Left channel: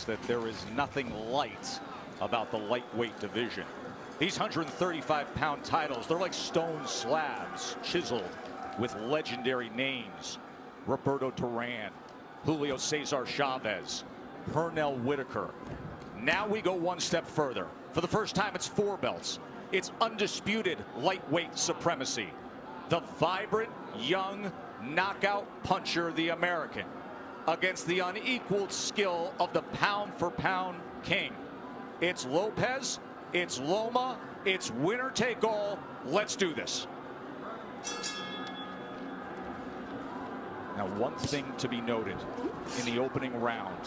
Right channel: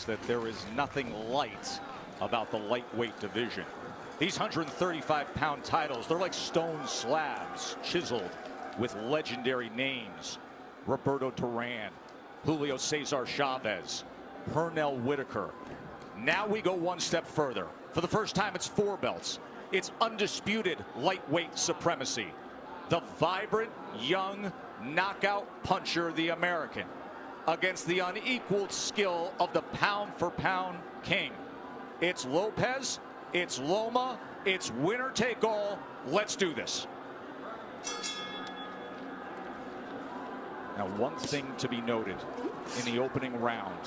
that there is nothing light about the lightweight division. These 135-pound titles, they're like stone slabs chiseled with legendary names. Roberto Duran, Julio Cesar Chavez, Pernell Whitaker. Now we go one step further. For the first time, it's 4 belts. It's undisputed lightweight supremacy. The vibrant, young, knockout puncher, the American, against the unequaled skill of the pound-for-pound king. It's Lopez, it's Loma, it's winner take all. Let's do this. Now, one thing to be noted in the opening round,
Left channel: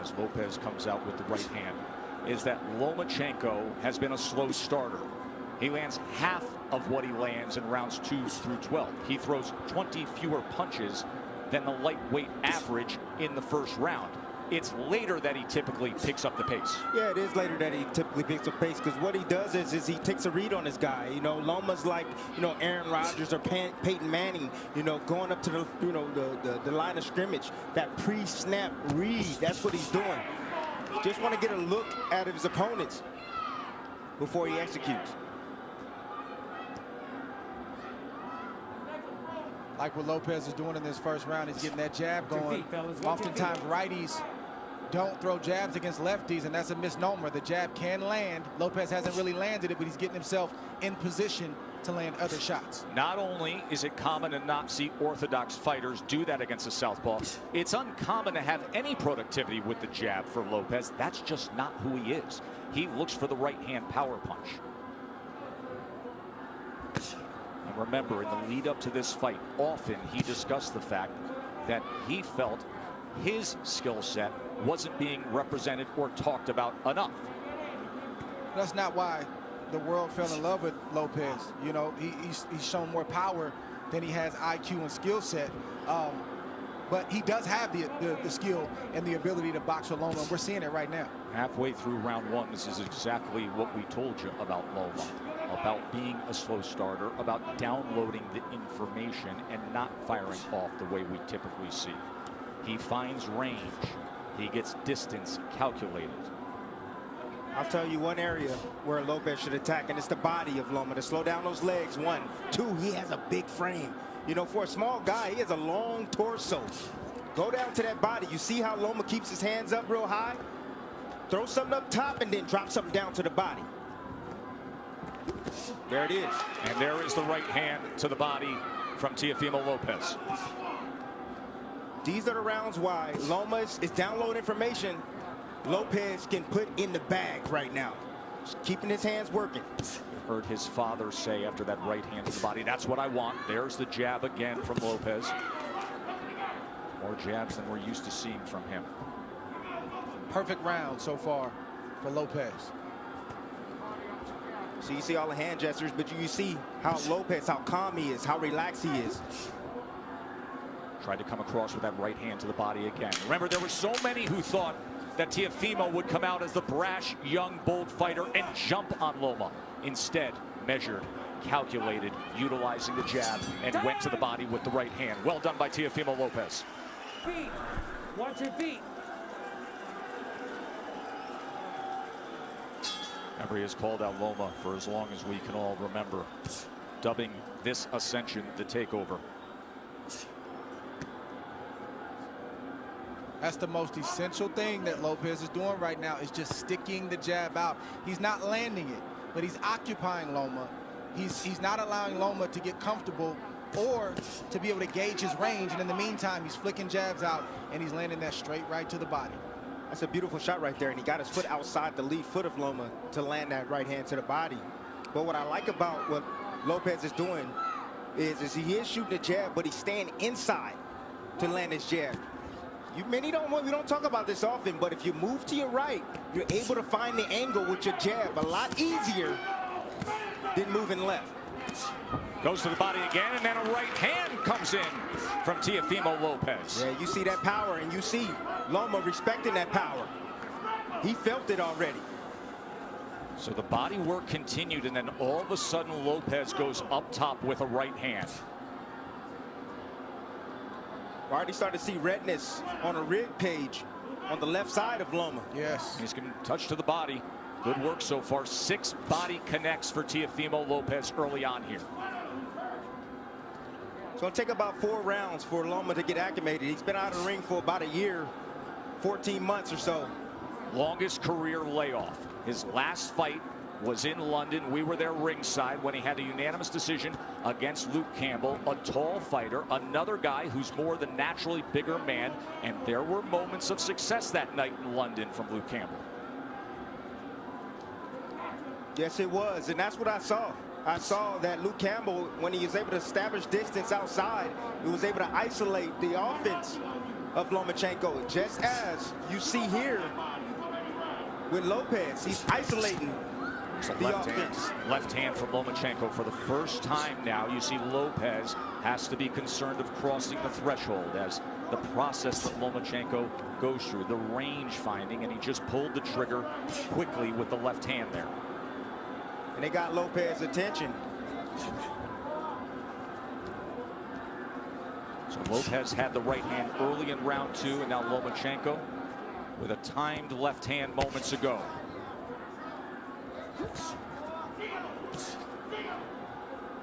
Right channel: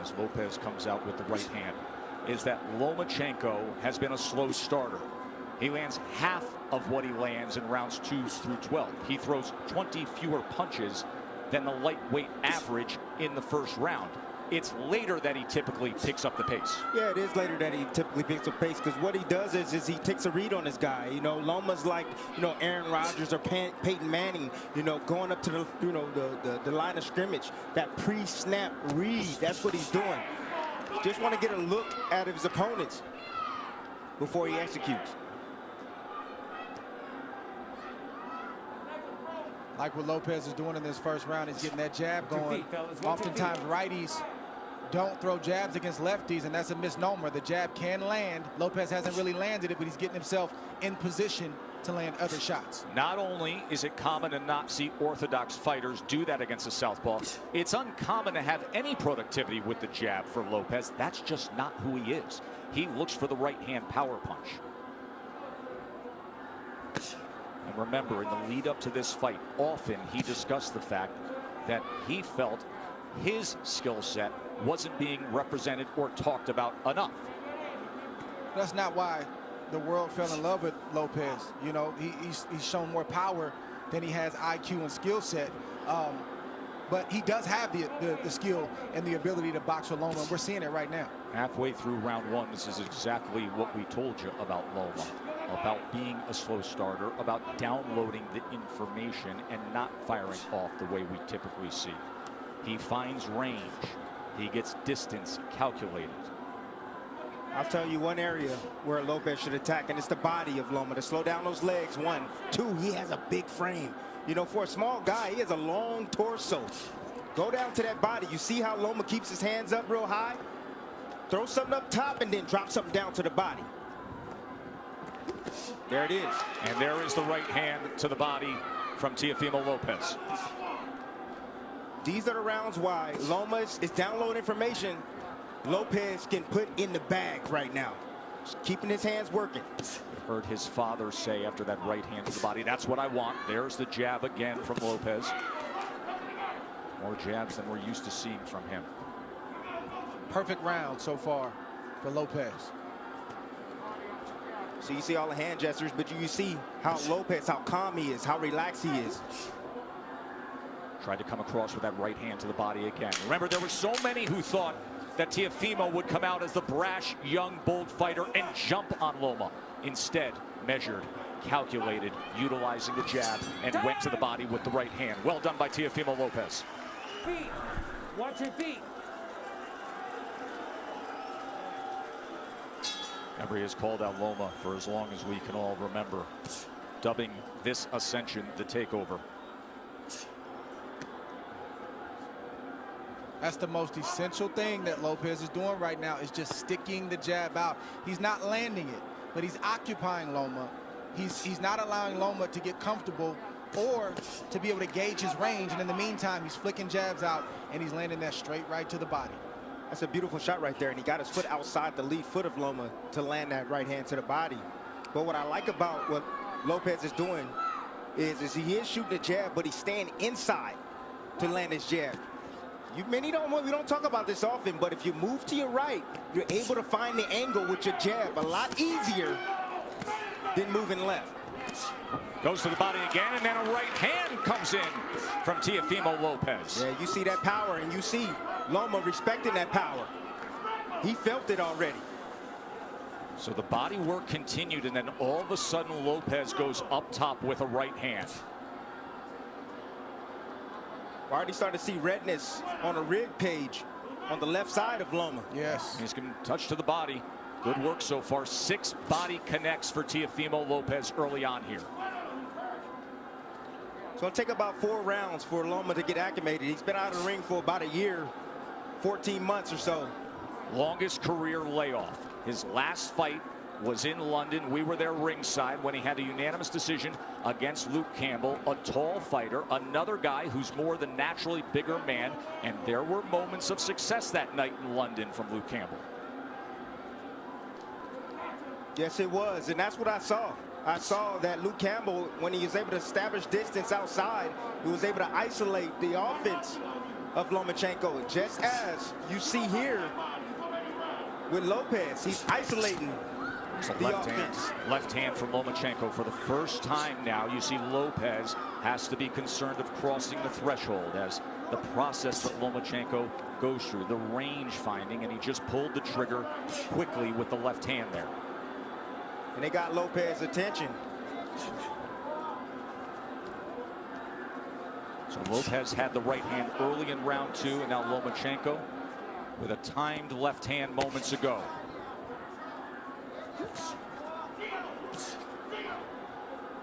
as Lopez comes out with the right hand, is that Lomachenko has been a slow starter. He lands half of what he lands in rounds 2 through 12. He throws 20 fewer punches than the lightweight average in the first round. It's later that he typically picks up the pace. Yeah, it is later that he typically picks up pace, because what he does is he takes a read on his guy. You know, Loma's like, you know, Aaron Rodgers or Peyton Manning, you know, going up to the, you know, the line of scrimmage. That pre-snap read, that's what he's doing. Just want to get a look at his opponents before he executes. Like what Lopez is doing in this first round, he's getting that jab going. Oftentimes righties don't throw jabs against lefties, and that's a misnomer. The jab can land. Lopez hasn't really landed it, but he's getting himself in position to land other shots. Not only is it common to not see orthodox fighters do that against a southpaw, it's uncommon to have any productivity with the jab for Lopez. That's just not who he is. He looks for the right-hand power punch. And remember, in the lead up to this fight, often he discussed the fact that he felt his skill set wasn't being represented or talked about enough. That's not why the world fell in love with Lopez. You know, he's shown more power than he has IQ and skill set. But he does have the skill and the ability to box with Loma, and we're seeing it right now. Halfway through round 1, this is exactly what we told you about Loma. About being a slow starter, about downloading the information and not firing off the way we typically see. He finds range. He gets distance calculated. I'll tell you one area where Lopez should attack, and it's the body of Loma, to slow down those legs. 1, 2, he has a big frame. You know, for a small guy, he has a long torso. Go down to that body. You see how Loma keeps his hands up real high? Throw something up top and then drop something down to the body. There it is. And there is the right hand to the body from Teofimo Lopez. These are the rounds why Loma is downloading information Lopez can put in the bag right now. Just keeping his hands working. You heard his father say after that right hand to the body, that's what I want. There's the jab again from Lopez. More jabs than we're used to seeing from him. Perfect round so far for Lopez. So you see all the hand gestures, but you see how Lopez, how calm he is, how relaxed he is. Tried to come across with that right hand to the body again. Remember, there were so many who thought that Teofimo would come out as the brash, young, bold fighter and jump on Loma. Instead, measured, calculated, utilizing the jab, and went to the body with the right hand. Well done by Teofimo Lopez. Feet. Watch your feet. Remember, he has called out Loma for as long as we can all remember, dubbing this ascension the takeover. That's the most essential thing that Lopez is doing right now, is just sticking the jab out. He's not landing it, but he's occupying Loma. He's not allowing Loma to get comfortable or to be able to gauge his range. And in the meantime, he's flicking jabs out, and he's landing that straight right to the body. That's a beautiful shot right there, and he got his foot outside the lead foot of Loma to land that right hand to the body. But what I like about what Lopez is doing is he is shooting a jab, but he's staying inside to land his jab. We don't talk about this often, but if you move to your right, you're able to find the angle with your jab a lot easier than moving left. Goes to the body again, and then a right hand comes in from Teofimo Lopez. Yeah, you see that power, and you see Loma respecting that power. He felt it already. So the body work continued, and then all of a sudden Lopez goes up top with a right hand. I already started to see redness on a rib cage on the left side of Loma. Yes. He's getting touch to the body. Good work so far. 6 body connects for Teofimo Lopez early on here. It's going to take about 4 rounds for Loma to get acclimated. He's been out of the ring for about a year, 14 months or so. Longest career layoff. His last fight was in London. We were there ringside when he had a unanimous decision against Luke Campbell, a tall fighter, another guy who's more than naturally bigger man, and there were moments of success that night in London from Luke Campbell. Yes, it was, and that's what I saw. I saw that Luke Campbell, when he was able to establish distance outside, he was able to isolate the offense of Lomachenko, just as you see here with Lopez. He's isolating the offense. Left hand from Lomachenko. For the first time now, you see Lopez has to be concerned of crossing the threshold as the process that Lomachenko goes through, the range finding, and he just pulled the trigger quickly with the left hand there. And they got Lopez's attention. So Lopez had the right hand early in round 2, and now Lomachenko with a timed left hand moments ago.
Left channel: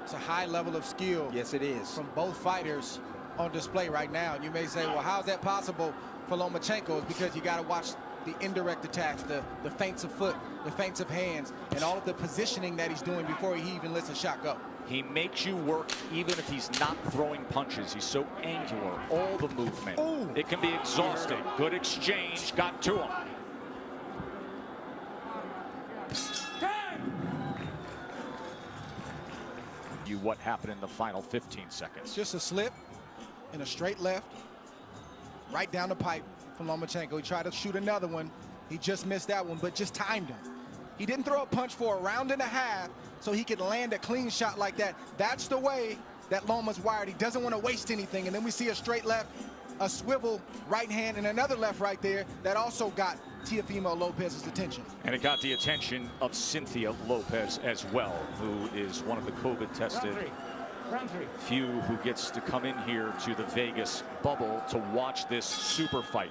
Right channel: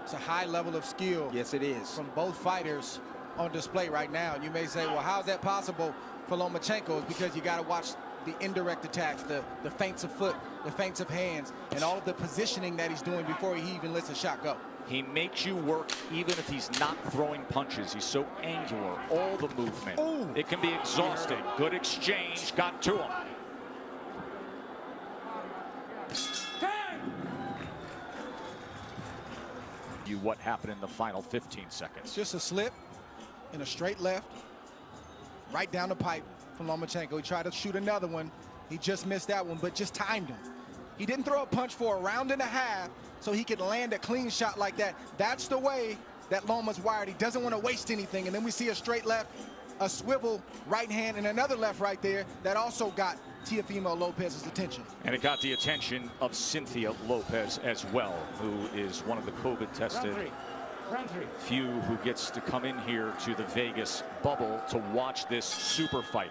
It's a high level of skill. Yes, it is. From both fighters on display right now. And you may say, well, how is that possible for Lomachenko? It's because you got to watch the indirect attacks, the feints of foot, the feints of hands, and all of the positioning that he's doing before he even lets a shot go. He makes you work even if he's not throwing punches. He's so angular, all the movement. Ooh. It can be exhausting. Good exchange, got to him. What happened in the final 15 seconds? Just a slip and a straight left, right down the pipe from Lomachenko. He tried to shoot another one. He just missed that one, but just timed him. He didn't throw a punch for a round and a half so he could land a clean shot like that. That's the way that Loma's wired. He doesn't want to waste anything. And then we see a straight left, a swivel right hand, and another left right there that also got Teofimo Lopez's attention. And it got the attention of Cynthia Lopez as well, who is one of the COVID-tested Round three. few who gets to come in here to the Vegas bubble to watch this super fight.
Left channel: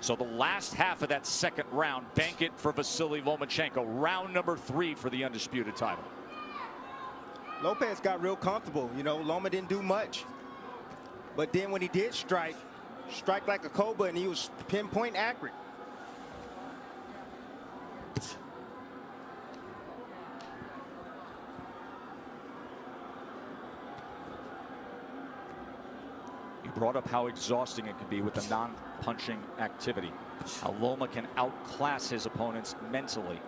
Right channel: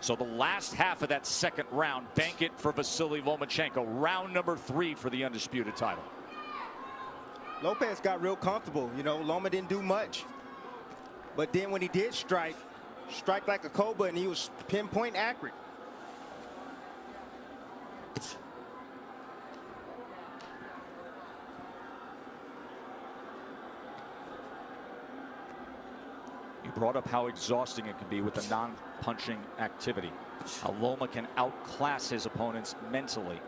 So the last half of that second round, bank it for Vasiliy Lomachenko. Round number 3 for the undisputed title. Lopez got real comfortable. You know, Loma didn't do much. But then when he did strike like a cobra, and he was pinpoint accurate. He brought up how exhausting it can be with a non-punching activity. How Loma can outclass his opponents mentally.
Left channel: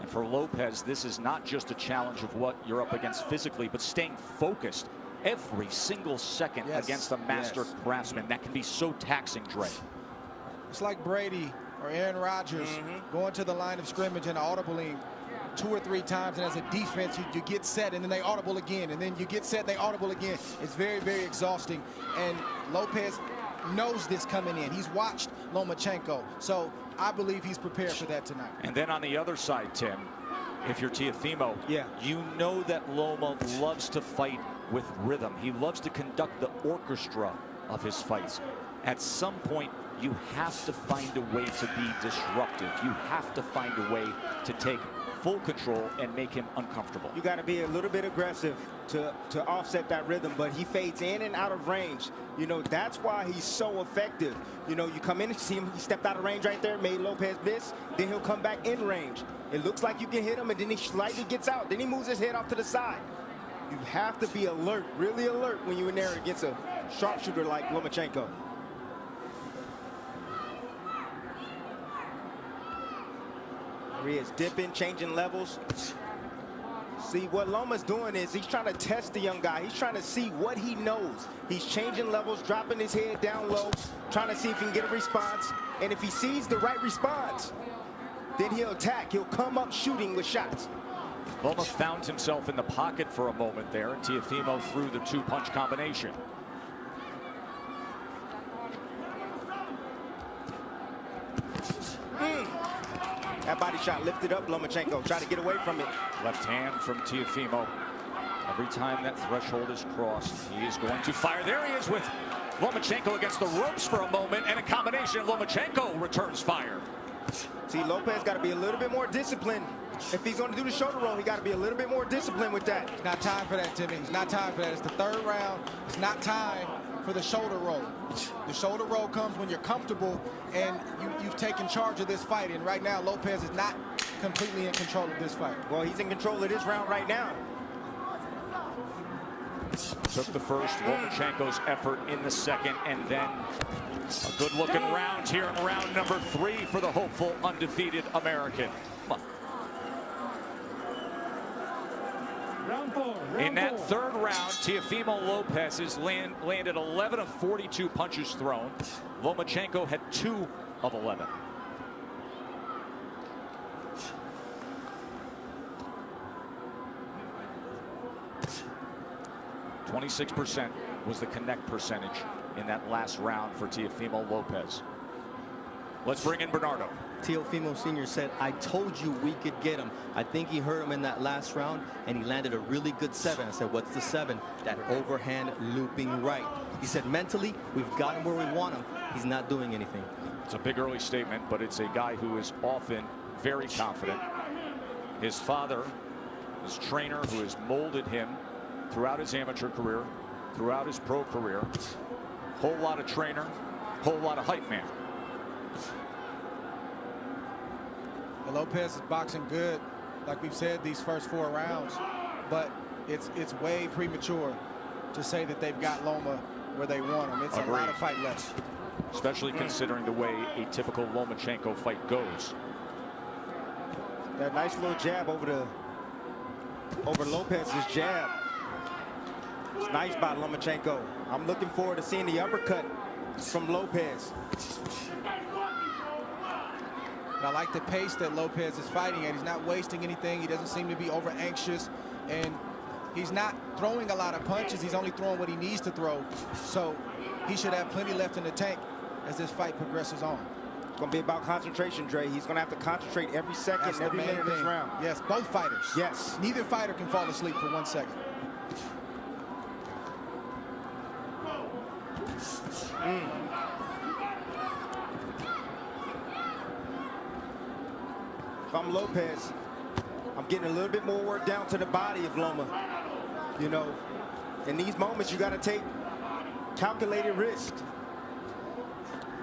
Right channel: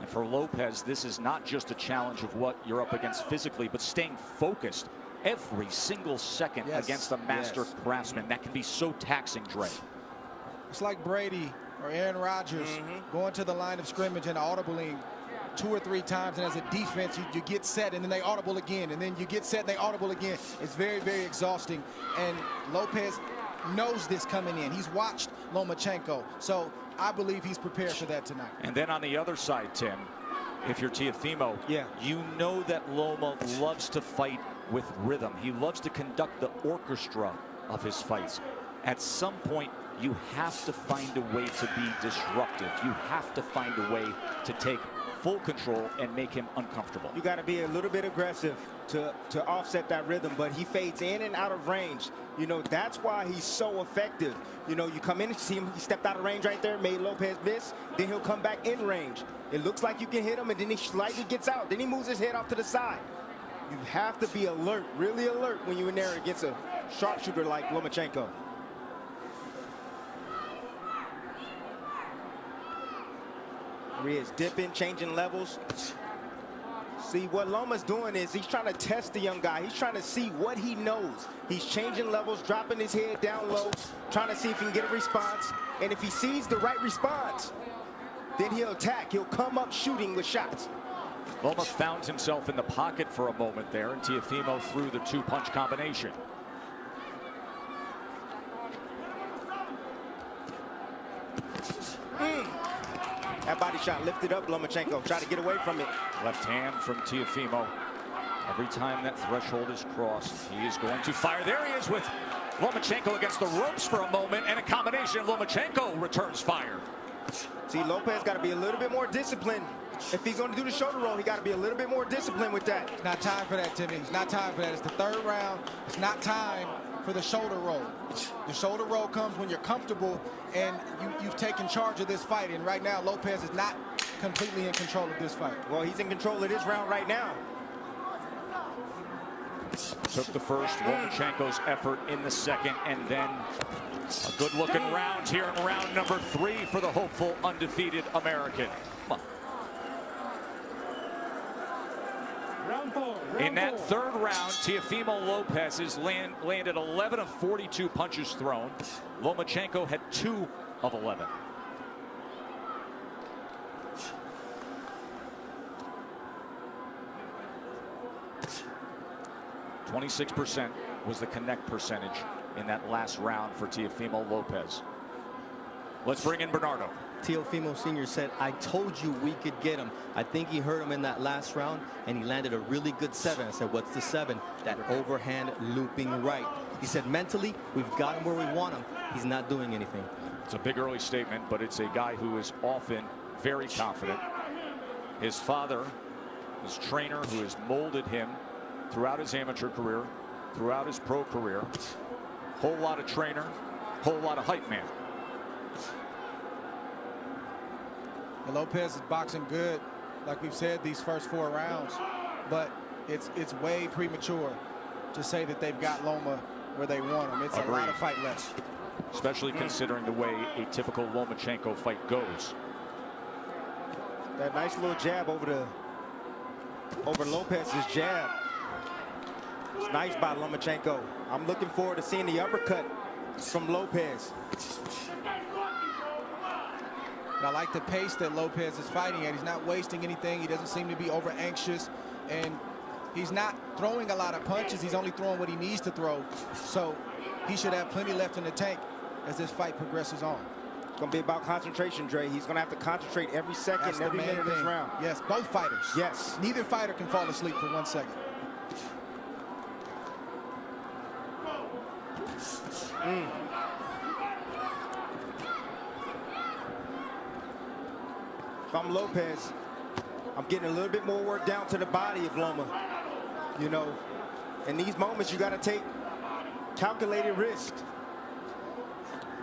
And for Lopez, this is not just a challenge of what you're up against physically, but staying focused every single second against a master craftsman. That can be so taxing, Dre. It's like Brady or Aaron Rodgers going to the line of scrimmage and audibling 2 or 3 times, and as a defense you get set and then they audible again, and then you get set and they audible again. It's very, very exhausting, and Lopez knows this coming in. He's watched Lomachenko, so I believe he's prepared for that tonight. And then on the other side, Tim, if you're Teofimo, you know that Loma loves to fight with rhythm. He loves to conduct the orchestra of his fights. At some point, you have to find a way to be disruptive. You have to find a way to take full control and make him uncomfortable. You got to be a little bit aggressive to offset that rhythm, but he fades in and out of range. You know, that's why he's so effective. You know, you come in and see him, he stepped out of range right there, made Lopez miss, then he'll come back in range. It looks like you can hit him, and then he slightly gets out. Then he moves his head off to the side. You have to be alert, really alert, when you're in there against a sharpshooter like Lomachenko. There he is, dipping, changing levels. See, what Loma's doing is he's trying to test the young guy. He's trying to see what he knows. He's changing levels, dropping his head down low, trying to see if he can get a response. And if he sees the right response, then he'll attack. He'll come up shooting with shots. Loma found himself in the pocket for a moment there, and Teofimo threw the 2-punch combination. That body shot lifted up Lomachenko. Try to get away from it. Left hand from Teofimo. Every time that threshold is crossed, he is going to fire. There he is with Lomachenko against the ropes for a moment, and a combination. Lomachenko returns fire. See, Lopez got to be a little bit more disciplined. If he's going to do the shoulder roll, he got to be a little bit more disciplined with that. It's not time for that, Timmy. It's not time for that. It's the third round. It's not time for the shoulder roll. The shoulder roll comes when you're comfortable and you've taken charge of this fight. And right now, Lopez is not completely in control of this fight. Well, he's in control of this round right now. Took the first, Lomachenko's effort in the second, and then a good-looking round here in round number 3 for the hopeful undefeated American. Come on. Round 4. In that third round, Teofimo Lopez has landed 11 of 42 punches thrown. Lomachenko had 2 of 11. .26% was the connect percentage in that last round for Teofimo Lopez. Let's bring in Bernardo. Teofimo Sr. said, I told you we could get him. I think he hurt him in that last round, and he landed a really good 7. I said, what's the 7? That overhand looping right. He said, mentally, we've got him where we want him. He's not doing anything. It's a big early statement, but it's a guy who is often very confident. His father, his trainer, who has molded him throughout his amateur career, throughout his pro career. Whole lot of trainer, whole lot of hype man. And Lopez is boxing good, like we've said, these first 4 rounds. But it's way premature to say that they've got Loma where they want him. It's Agreed. A lot of fight left. Especially considering the way a typical Lomachenko fight goes. That nice little jab over Lopez's jab. It's nice by Lomachenko. I'm looking forward to seeing the uppercut from Lopez. I like the pace that Lopez is fighting at. He's not wasting anything. He doesn't seem to be over anxious, and he's not throwing a lot of punches. He's only throwing what he needs to throw. So he should have plenty left in the tank as this fight progresses on. It's going to be about concentration, Dre. He's going to have to concentrate every second, every minute of this round. Yes, both fighters. Yes. Neither fighter can fall asleep for 1 second. If I'm Lopez, I'm getting a little bit more work down to the body of Loma. You know, in these moments, you got to take calculated risk.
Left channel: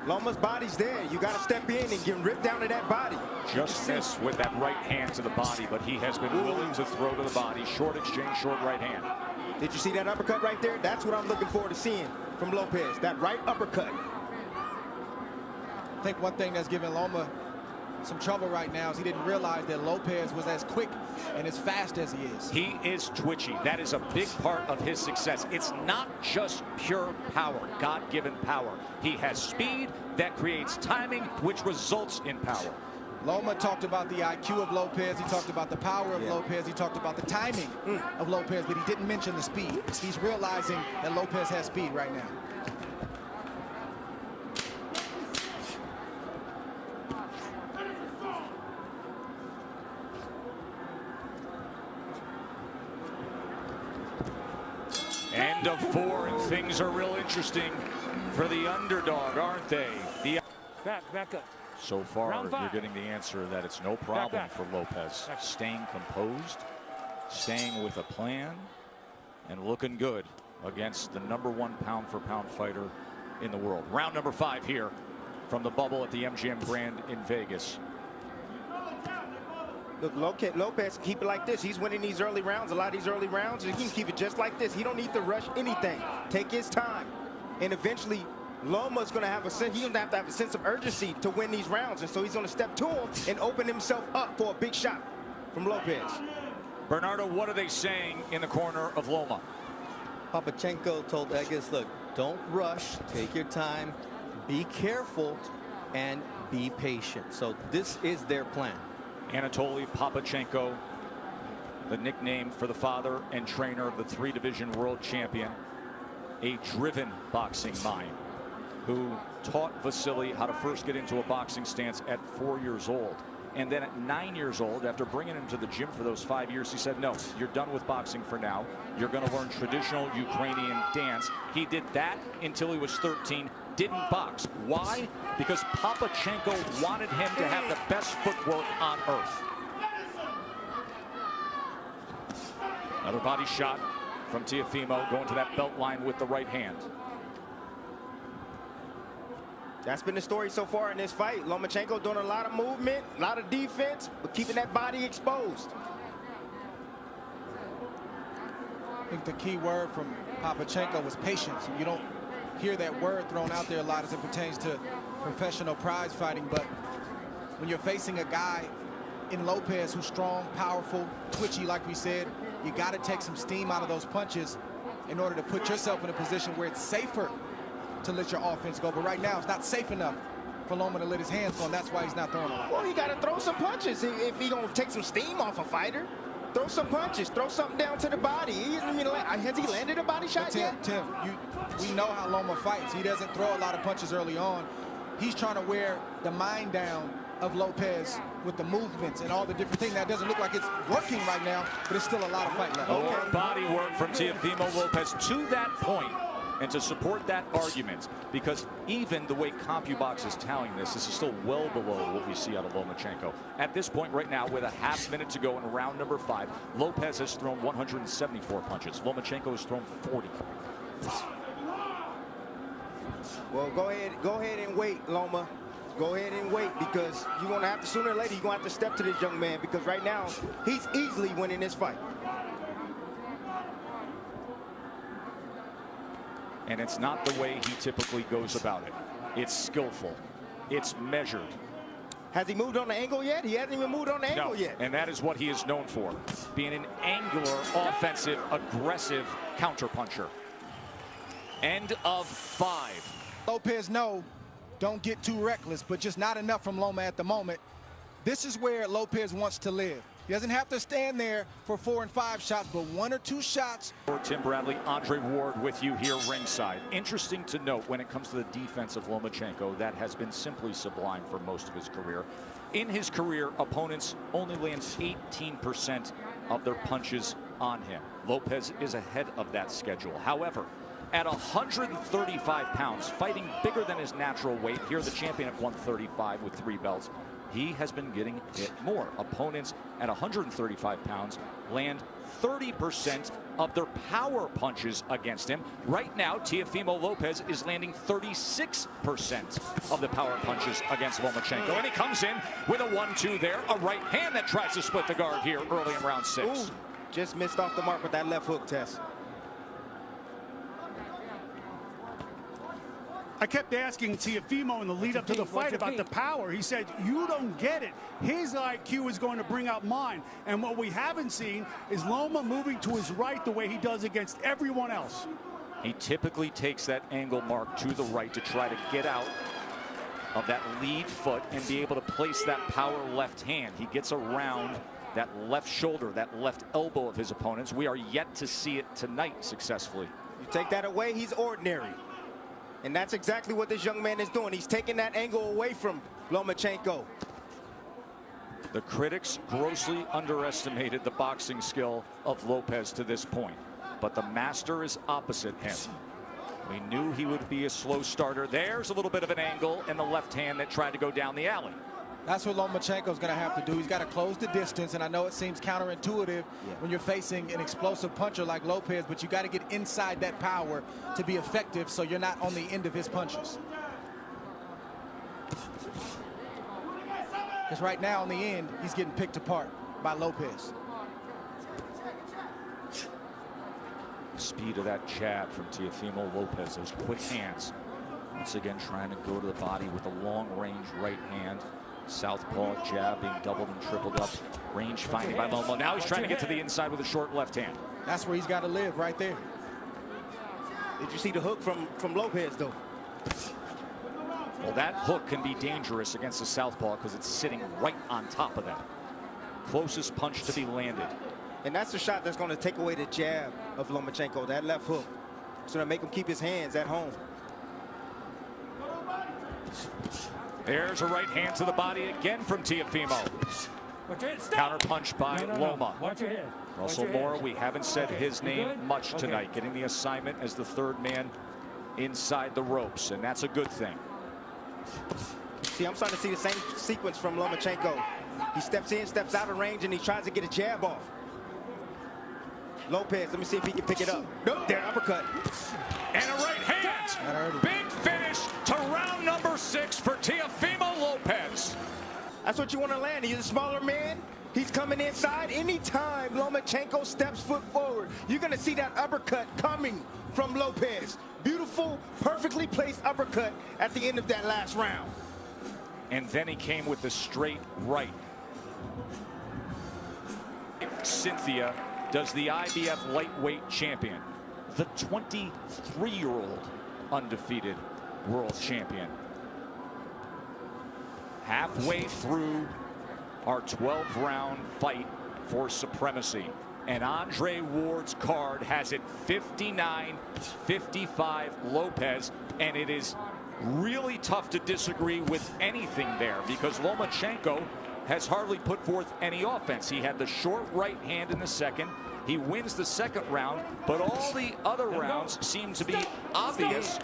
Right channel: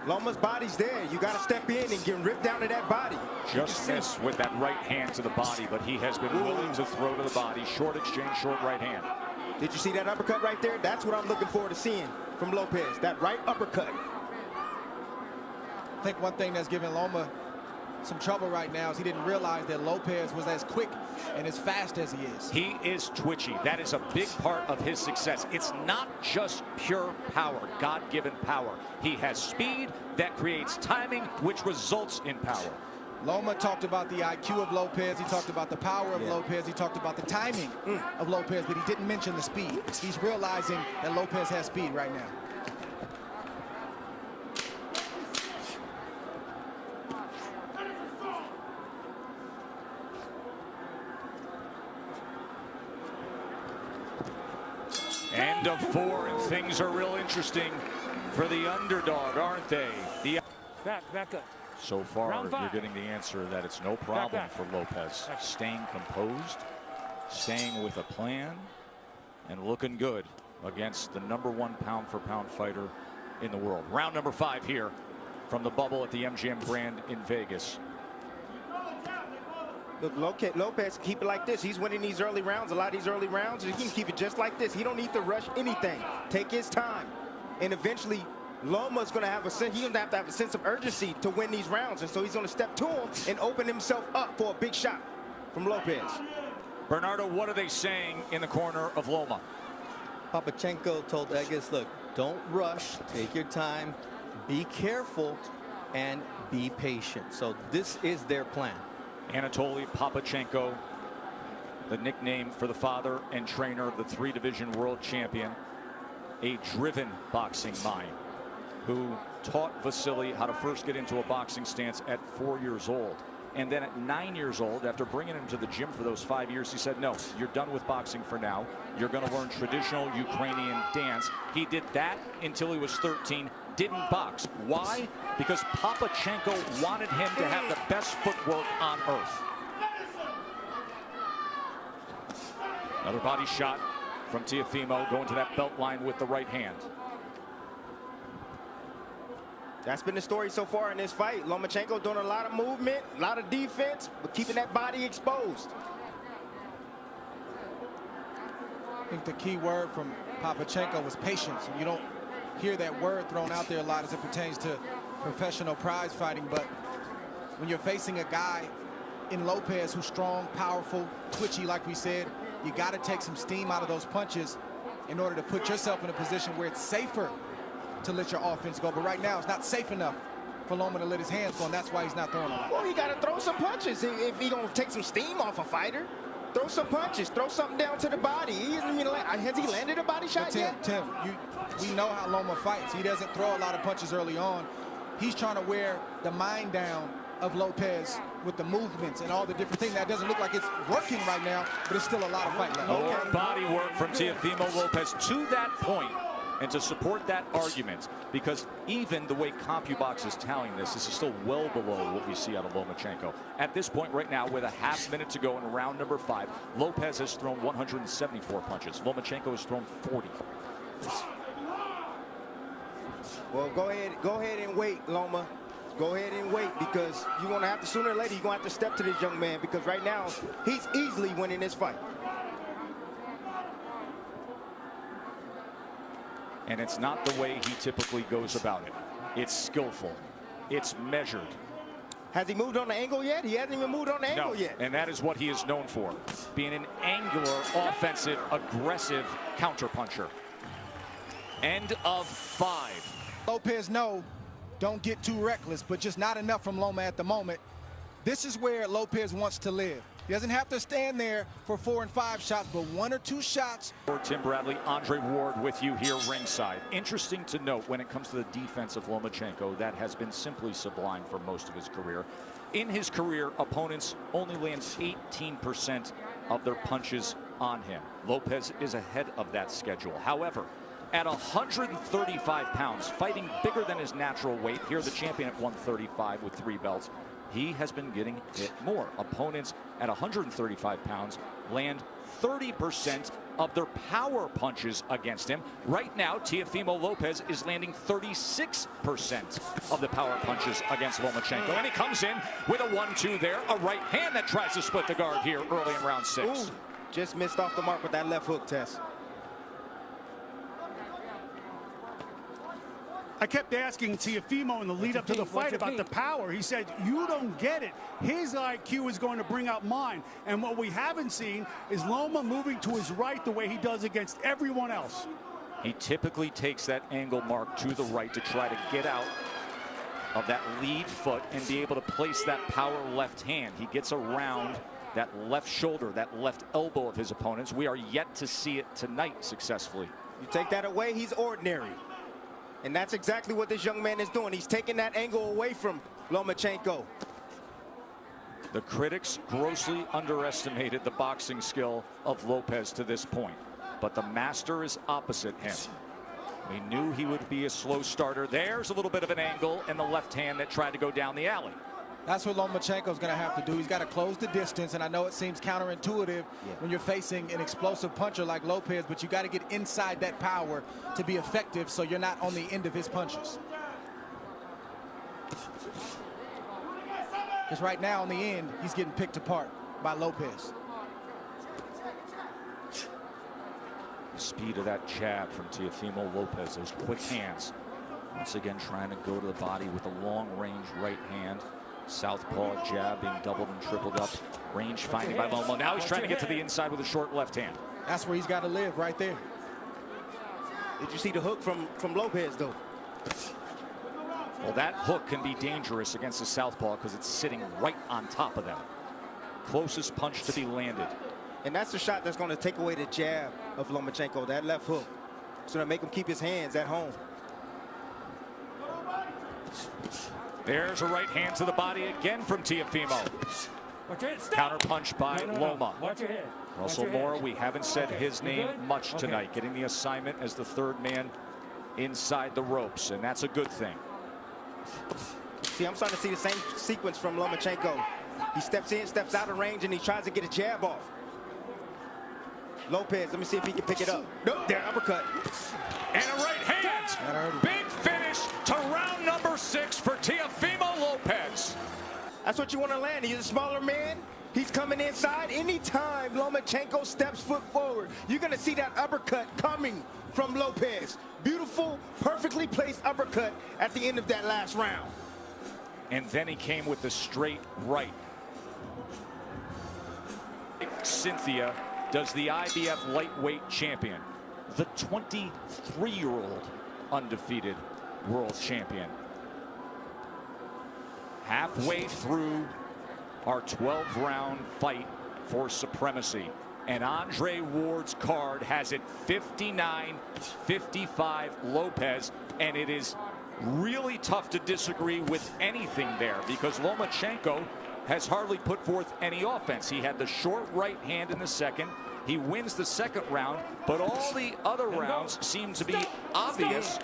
Loma's body's there. You got to step in and get ripped down to that body. Just missed with that right hand to the body, but he has been willing to throw to the body. Short exchange, short right hand. Did you see that uppercut right there? That's what I'm looking forward to seeing from Lopez, that right uppercut. I think one thing that's giving Loma some trouble right now is he didn't realize that Lopez was as quick and as fast as he is. He is twitchy. That is a big part of his success. It's not just pure power, God-given power. He has speed that creates timing, which results in power. Loma talked about the IQ of Lopez. He talked about the power of Lopez. He talked about the timing of Lopez, but he didn't mention the speed. He's realizing that Lopez has speed right now. End of 4, and things are real interesting for the underdog, aren't they? Back up. So far, Round 5. you're getting the answer that it's no problem Back. for Lopez. Staying composed, staying with a plan, and looking good against the #1 pound-for-pound fighter in the world. Round number 5 here from the bubble at the MGM Grand in Vegas. Look, Lopez can keep it like this. He's winning these early rounds, a lot of these early rounds, and he can keep it just like this. He don't need to rush anything. Take his time. And eventually, Loma's going to have a sense, he's going to have a sense of urgency to win these rounds. And so he's going to step to him and open himself up for a big shot from Lopez. Bernardo, what are they saying in the corner of Loma? Papachenko told Egas, look, don't rush, take your time, be careful, and be patient. So this is their plan. Anatoly Papachenko, the nickname for the father and trainer of the 3-division world champion, a driven boxing mind who taught Vasily how to first get into a boxing stance at 4 years old. And then at 9 years old, after bringing him to the gym for those 5 years, he said, no, you're done with boxing for now. You're going to learn traditional Ukrainian dance. He did that until he was 13, didn't box. Why? Because Papachenko wanted him to have the best footwork on earth. Another body shot from Teofimo, going to that belt line with the right hand. That's been the story so far in this fight. Lomachenko doing a lot of movement, a lot of defense, but keeping that body exposed. I think the key word from Papachenko was patience. And you don't hear that word thrown out there a lot as it pertains to professional prize fighting. But when you're facing a guy in Lopez who's strong, powerful, twitchy, like we said, you got to take some steam out of those punches in order to put yourself in a position where it's safer to let your offense go. But right now, it's not safe enough for Loma to let his hands go, and that's why he's not throwing a lot. Well, he got to throw some punches if he's going to take some steam off a fighter. Throw some punches. Throw something down to the body. Has he landed a body shot yet? Tim, we know how Loma fights. He doesn't throw a lot of punches early on. He's trying to wear the mind down of Lopez with the movements and all the different things. That doesn't look like it's working right now, but it's still a lot of fight left. More body work from Teofimo Lopez to that point. And to support that argument, because even the way CompuBox is tallying this is still well below what we see out of Lomachenko. At this point right now, with a half minute to go in round number 5, Lopez has thrown 174 punches. Lomachenko has thrown 40. Well, go ahead and wait, Loma. Go ahead and wait, because you're going to have to, sooner or later, you're going to have to step to this young man, because right now, he's easily winning this fight. And it's not the way he typically goes about it. It's skillful. It's measured. Has he moved on the angle yet? He hasn't even moved on the angle yet. And that is what he is known for, being an angular, offensive, aggressive counterpuncher. End of 5. Lopez, no, don't get too reckless, but just not enough from Loma at the moment. This is where Lopez wants to live. He doesn't have to stand there for 4 and 5 shots, but 1 or 2 shots. Tim Bradley, Andre Ward with you here ringside. Interesting to note when it comes to the defense of Lomachenko, that has been simply sublime for most of his career. In his career, opponents only land 18% of their punches on him. Lopez is ahead of that schedule. However, at 135 pounds, fighting bigger than his natural weight, here the champion at 135 with 3 belts, he has been getting hit more. Opponents at 135 pounds land 30% of their power punches against him. Right now, Teofimo Lopez is landing 36% of the power punches against Lomachenko. And he comes in with a 1-2 there, a right hand that tries to split the guard here early in round 6. Ooh, just missed off the mark with that left hook, Tess. I kept asking Teofimo in the lead up to the fight about the power. He said, you don't get it. His IQ is going to bring out mine. And what we haven't seen is Loma moving to his right the way he does against everyone else. He typically takes that angle mark to the right to try to get out of that lead foot and be able to place that power left hand. He gets around that left shoulder, that left elbow of his opponents. We are yet to see it tonight successfully. You take that away, he's ordinary. And that's exactly what this young man is doing. He's taking that angle away from Lomachenko. The critics grossly underestimated the boxing skill of Lopez to this point, but the master is opposite him. We knew he would be a slow starter. There's a little bit of an angle and the left hand that tried to go down the alley. That's what Lomachenko's going to have to do. He's got to close the distance, and I know it seems counterintuitive when you're facing an explosive puncher like Lopez, but you got to get inside that power to be effective so you're not on the end of his punches. Because right now, in the end, he's getting picked apart by Lopez. The speed of that jab from Teofimo Lopez, those quick hands. Once again, trying to go to the body with a long-range right hand. Southpaw jab being doubled and tripled up. Range finding by Loma. Now he's trying to get to the inside with a short left hand. That's where he's got to live, right there. Did you see the hook from Lopez, though? Well, that hook can be dangerous against the southpaw because it's sitting right on top of them. Closest punch to be landed. And that's the shot that's going to take away the jab of Lomachenko, that left hook. It's going to make him keep his hands at home. There's a right hand to the body again from Teofimo. Watch your head. Stop. Counter punch by Loma. Watch your head. Russell Watch your Mora, head. we haven't said his name much tonight, getting the assignment as the third man inside the ropes, and that's a good thing. See, I'm starting to see the same sequence from Lomachenko. He steps in, steps out of range, and he tries to get a jab off. Lopez, let me see if he can pick it up. Nope, there, uppercut. And a right hand. That hurt him. Big finish to round number 6 for Teofimo Lopez. That's what you want to land. He's a smaller man. He's coming inside. Anytime Lomachenko steps foot forward, you're going to see that uppercut coming from Lopez. Beautiful, perfectly placed uppercut at the end of that last round. And then he came with the straight right. Cynthia does the IBF lightweight champion, the 23-year-old undefeated world champion. Halfway through our 12-round fight for supremacy. And Andre Ward's card has it 59-55 Lopez, and it is really tough to disagree with anything there because Lomachenko has hardly put forth any offense. He had the short right hand in the second. He wins the second round, but all the other rounds seem to be obvious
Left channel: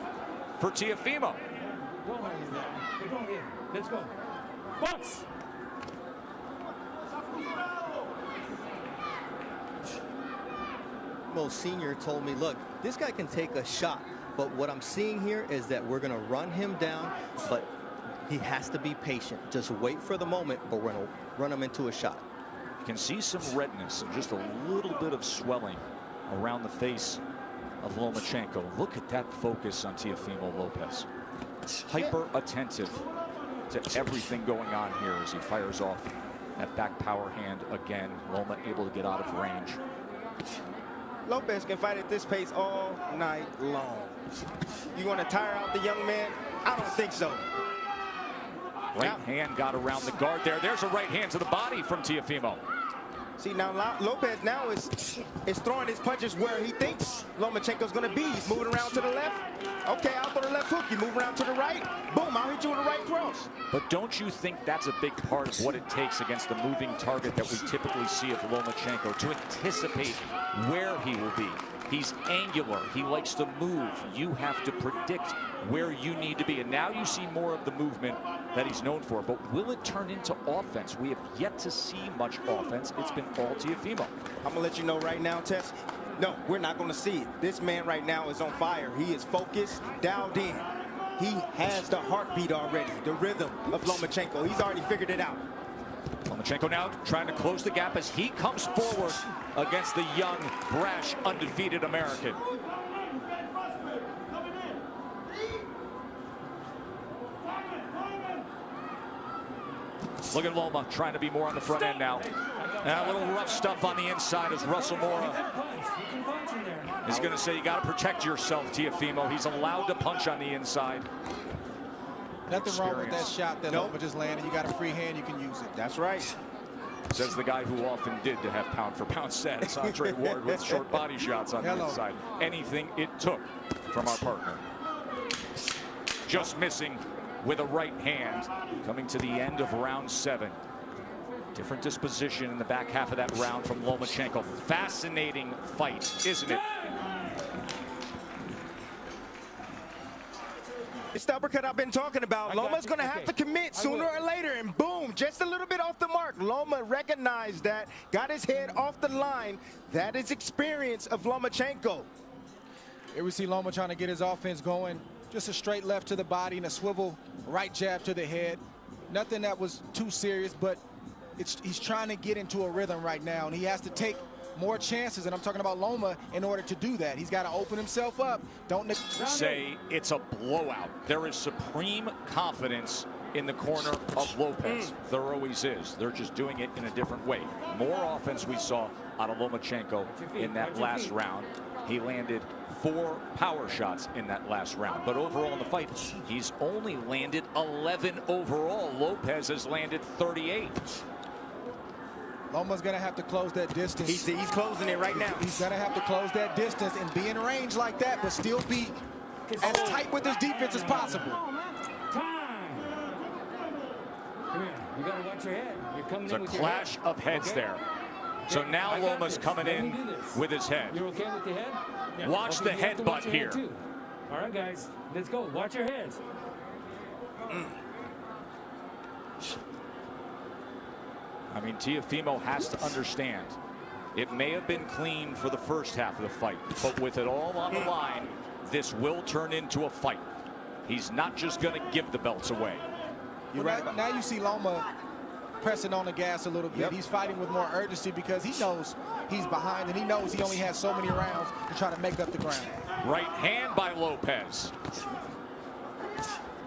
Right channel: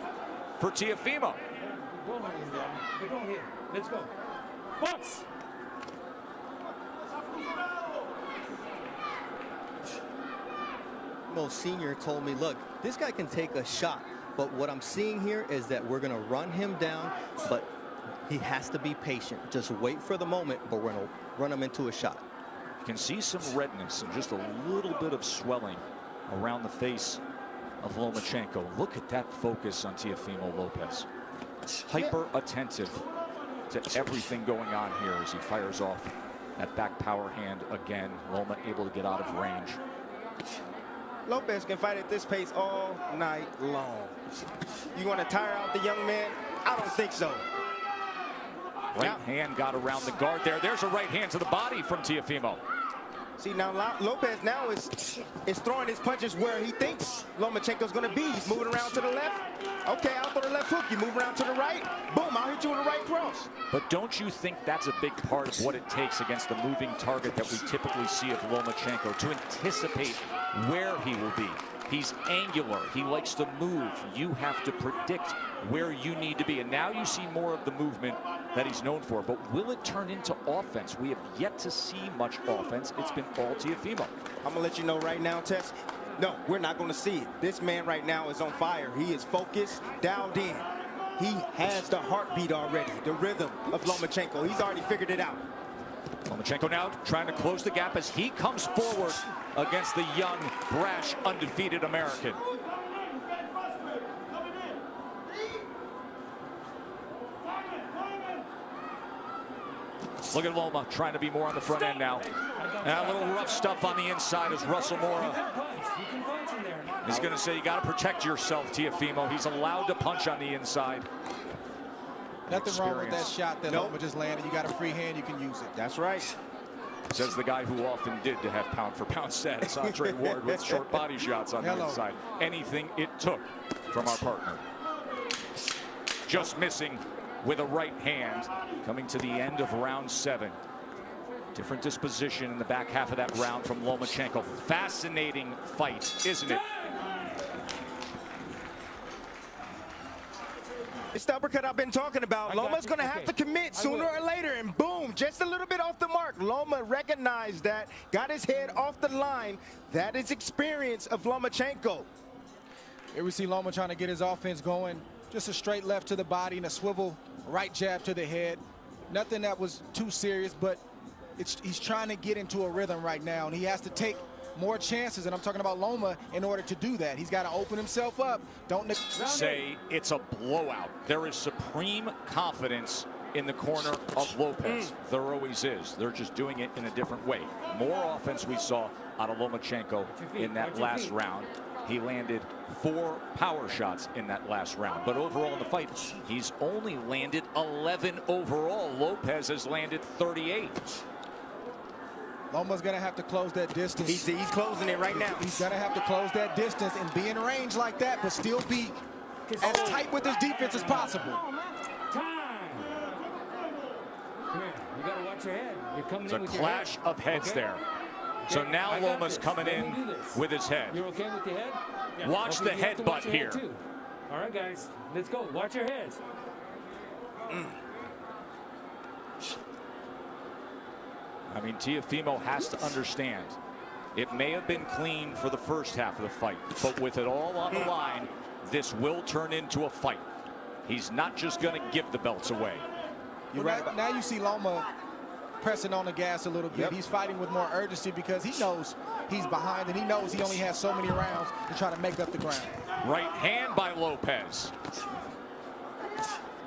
for Teofimo. Don't hold him down, but don't hit him. Let's go. Box. Mo Sr. told me, look, this guy can take a shot, but what I'm seeing here is that we're going to run him down, but he has to be patient. Just wait for the moment, but we're going to run him into a shot. You can see some redness and just a little bit of swelling around the face of Lomachenko. Look at that focus on Teofimo Lopez. Hyper attentive to everything going on here as he fires off that back power hand again. Loma able to get out of range. Lopez can fight at this pace all night long. You want to tire out the young man? I don't think so. Right hand got around the guard there. There's a right hand to the body from Teofimo. See, now Lopez now is throwing his punches where he thinks Lomachenko's going to be. He's moving around to the left. Okay, I'll throw the left hook. You move around to the right. Boom, I'll hit you with a right cross. But don't you think that's a big part of what it takes against the moving target that we typically see of Lomachenko, to anticipate where he will be? He's angular. He likes to move. You have to predict where you need to be. And now you see more of the movement that he's known for. But will it turn into offense? We have yet to see much offense. It's been all Teofimo. I'm going to let you know right now, Tess. No, we're not going to see it. This man right now is on fire. He is focused, dialed in. He has the heartbeat already, the rhythm of Lomachenko. He's already figured it out. Lomachenko now trying to close the gap as he comes forward against the young, brash, undefeated American. Look at Loma trying to be more on the front end now. And a little rough stuff on the inside as Russell Mora He can punch in there. is going to say you got to protect yourself, Teofimo. He's allowed to punch on the inside. Nothing wrong with that shot that Loma just landed. You got a free hand, you can use it. That's right. Says the guy who often did to have pound-for-pound status, Andre Ward, with short body shots on the inside. Anything it took from our partner. Just missing with a right hand. Coming to the end of round 7. Different disposition in the back half of that round from Lomachenko. Fascinating fight, isn't it? It's the uppercut I've been talking about. Loma's going to have to commit sooner or later, and boom, just a little bit off the mark. Loma recognized that, got his head off the line. That is experience of Lomachenko. Here we see Loma trying to get his offense going. Just a straight left to the body and a swivel right jab to the head. Nothing that was too serious, but he's trying to get into a rhythm right now, and he has to take more chances, and I'm talking about Loma, in order to do that. He's got to open himself up. Don't say it's a blowout. There is supreme confidence in the corner of Lopez. There always is. They're just doing it in a different way. More offense we saw out of Lomachenko in that last round. He landed 4 power shots in that last round. But overall in the fight, he's only landed 11 overall. Lopez has landed 38. Loma's going to have to close that distance. He's closing it right now. He's going to have to close that distance and be in range like that, but still be as tight with his defense as possible. Come here. You got to watch your head. You're coming It's in a with your clash head. of heads Okay? there. So Okay, now I got Loma's this. coming Let me in do this. with his head. You're okay with your head? Yeah. Watch Okay, the you have to watch headbutt your head here. too. All right, guys. Let's go. Watch your heads. I mean, Teofimo has to understand. It may have been clean for the first half of the fight, but with it all on the line, this will turn into a fight. He's not just going to give the belts away. Now you see Loma pressing on the gas a little bit. He's fighting with more urgency because he knows he's behind and he knows he only has so many rounds to try to make up the ground. Right hand by Lopez.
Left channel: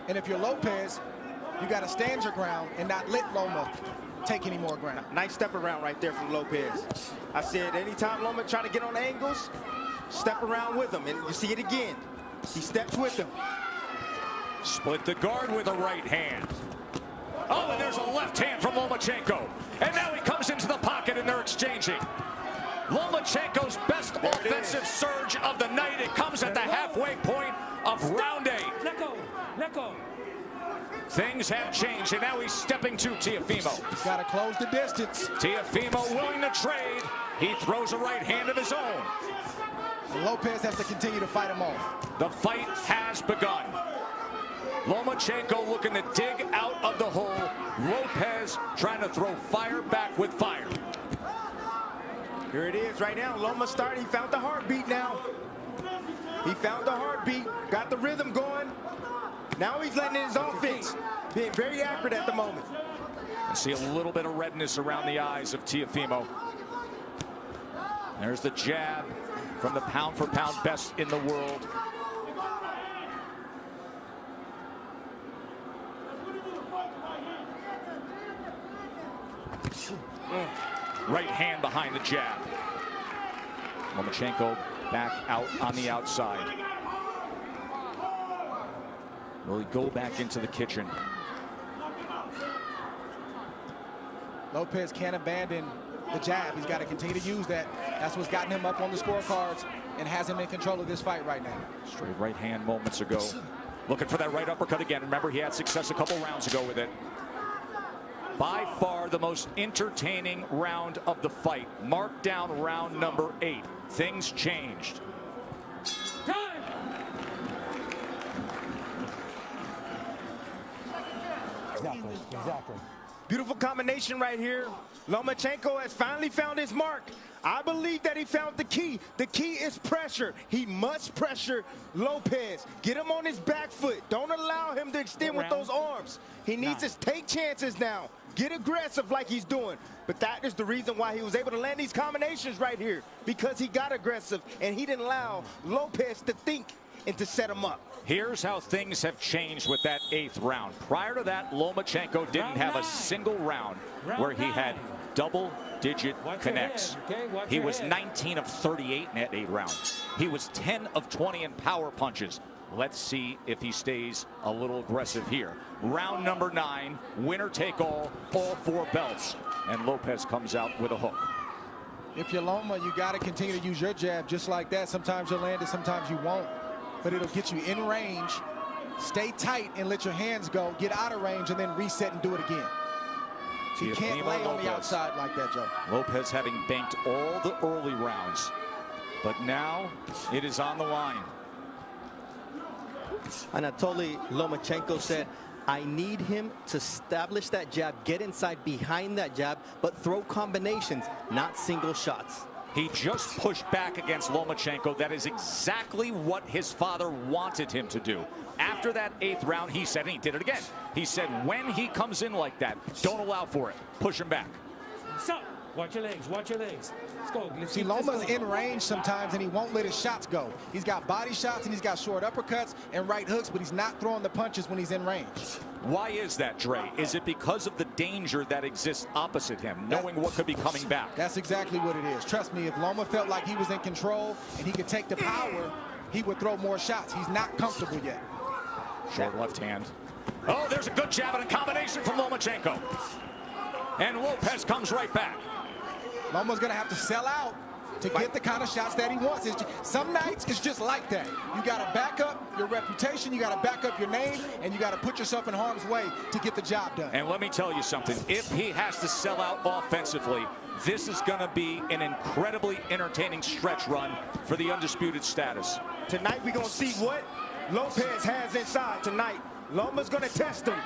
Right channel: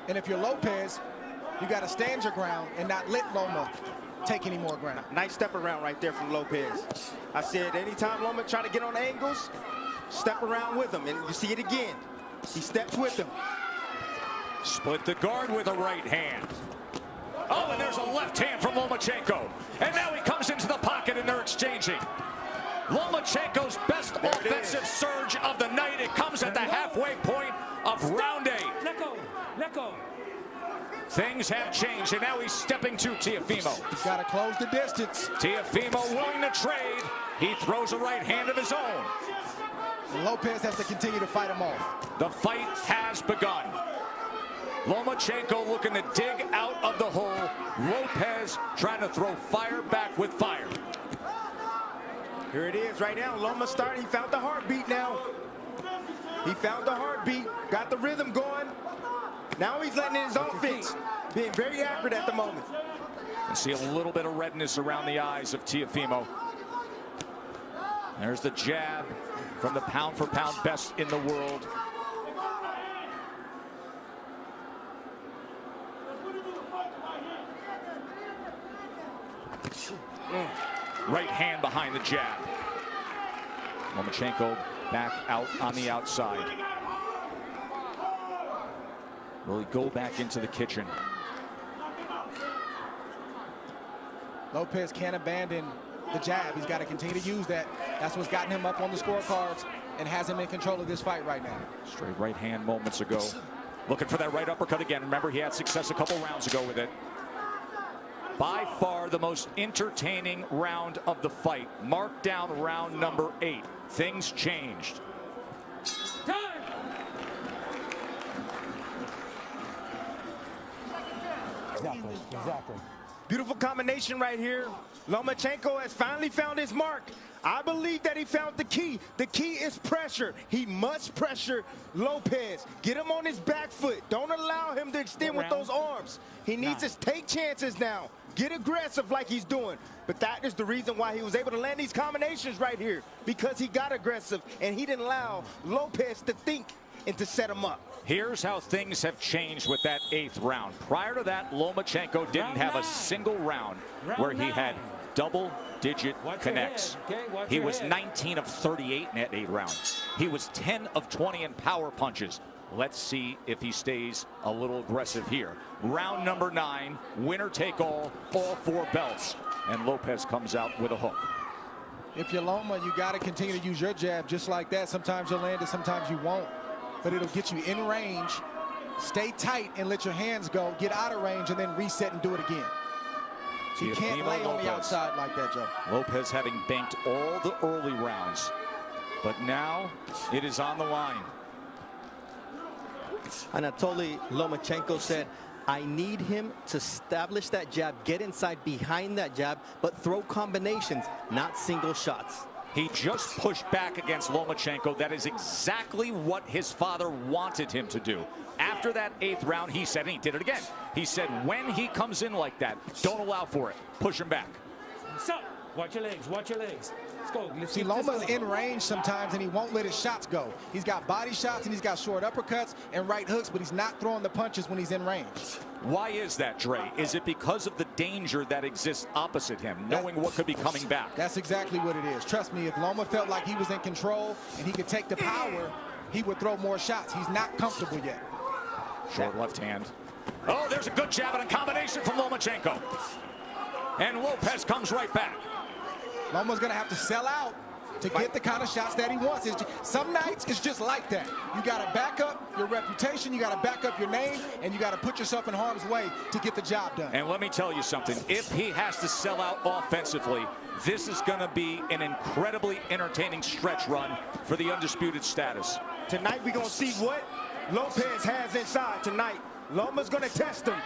And if you're Lopez, you got to stand your ground and not let Loma take any more ground. Nice step around right there from Lopez. I said anytime Loma try to get on angles, step around with him. And you see it again. He steps with him. Split the guard with a right hand. Oh, and there's a left hand from Lomachenko. And now he comes into the pocket and they're exchanging. Lomachenko's best offensive surge of the night. It comes at the halfway point of round 8. Let go. Let go. Things have changed, and now he's stepping to Teofimo. He's got to close the distance. Teofimo willing to trade. He throws a right hand of his own. And Lopez has to continue to fight him off. The fight has begun. Lomachenko looking to dig out of the hole. Lopez trying to throw fire back with fire. Here it is right now. Loma started. He found the heartbeat now. He found the heartbeat. Got the rhythm going. Now he's letting in his offense. Being very accurate at the moment. You see a little bit of redness around the eyes of Teofimo. There's the jab from the pound-for-pound best in the world. Right hand behind the jab. Lomachenko back out on the outside. Will he go back into the kitchen? Lopez can't abandon the jab. He's got to continue to use that. That's what's gotten him up on the scorecards and has him in control of this fight right now. Straight right hand moments ago. Looking for that right uppercut again. Remember, he had success a couple rounds ago with it. By far the most entertaining round of the fight. Mark down round number 8. Things changed. Exactly. Beautiful combination right here. Lomachenko has finally found his mark. I believe that he found the key. The key is pressure. He must pressure Lopez. Get him on his back foot. Don't allow him to extend with those arms. He needs to take chances now. Get aggressive like he's doing. But that is the reason why he was able to land these combinations right here. Because he got aggressive and he didn't allow Lopez to think and to set him up. Here's how things have changed with that 8th round. Prior to that, Lomachenko didn't have a single round where he had double-digit connects. He was 19 of 38 in that 8 rounds. He was 10 of 20 in power punches. Let's see if he stays a little aggressive here. Round number 9, winner take all 4 belts. And Lopez comes out with a hook. If you're Loma, you got to continue to use your jab just like that. Sometimes you'll land it, sometimes you won't. But it'll get you in range. Stay tight and let your hands go. Get out of range and then reset and do it again. So you can't lay on the outside like that, Joe. Lopez having banked all the early rounds. But now it is on the line. Anatoly Lomachenko said, I need him to establish that jab, get inside behind that jab, but throw combinations, not single shots. He just pushed back against Lomachenko. That is exactly what his father wanted him to do. After that 8th round, he said, and he did it again, he said, when he comes in like that, don't allow for it. Push him back. So, watch your legs. Watch your legs. Let's go. Let's See, Loma's in range sometimes, and he won't let his shots go. He's got body shots, and he's got short uppercuts and right hooks, but he's not throwing the punches when he's in range. Why is that, Dre? Is it because of the danger that exists opposite him, knowing what could be coming back? That's exactly what it is. Trust me, if Loma felt like he was in control and he could take the power, he would throw more shots. He's not comfortable yet. Short left hand. Oh, there's a good jab and a combination from Lomachenko. And Lopez comes right back. Loma's going to have to sell out to get the kind of shots that he wants. Some nights it's just like that. You got to back up your reputation, you got to back up your name, and you got to put yourself in harm's way to get the job done. And let me tell you something. If he has to sell out offensively, this is going to be an incredibly entertaining stretch run for the undisputed status. Tonight we're going to see what Lopez has inside tonight. Loma's going to test him.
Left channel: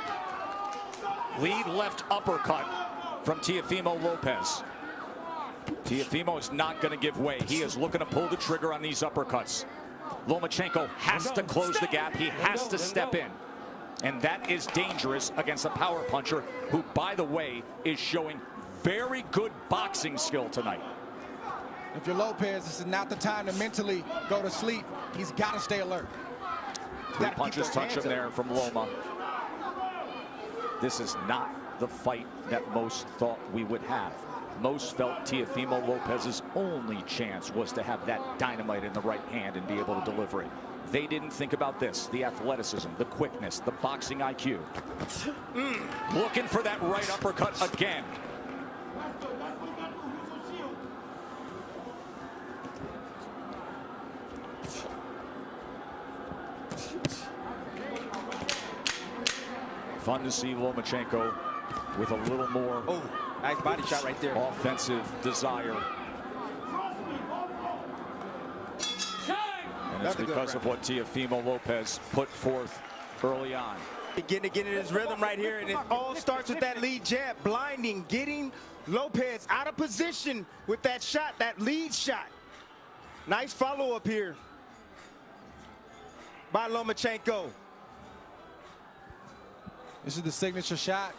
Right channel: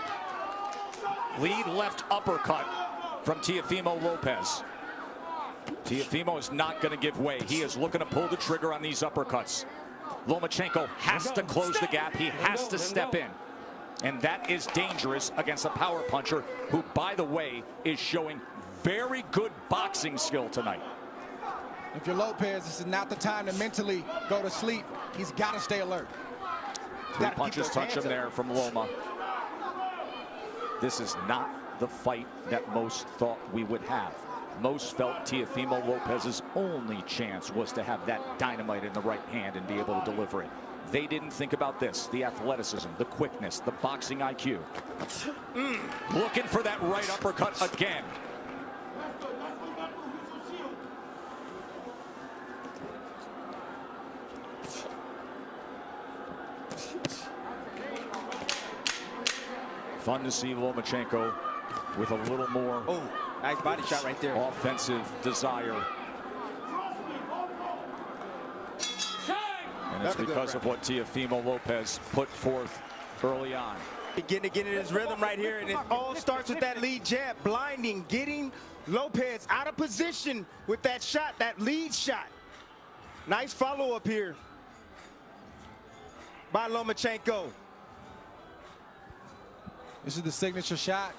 Lead left uppercut from Teofimo Lopez. Teofimo is not going to give way. He is looking to pull the trigger on these uppercuts. Lomachenko has to close the gap. He has to step in. And that is dangerous against a power puncher who, by the way, is showing very good boxing skill tonight. If you're Lopez, this is not the time to mentally go to sleep. He's got to stay alert. 3 punches touch him there from Loma. This is not the fight that most thought we would have. Most felt Teofimo Lopez's only chance was to have that dynamite in the right hand and be able to deliver it. They didn't think about this, the athleticism, the quickness, the boxing IQ. Looking for that right uppercut again. Fun to see Lomachenko with a little more nice body shot right there. Offensive desire. And it's because of what Teofimo Lopez put forth early on. Getting in his rhythm right here, and it all starts with that lead jab, blinding, getting Lopez out of position with that shot, that lead shot. Nice follow-up here by Lomachenko. This is the signature shot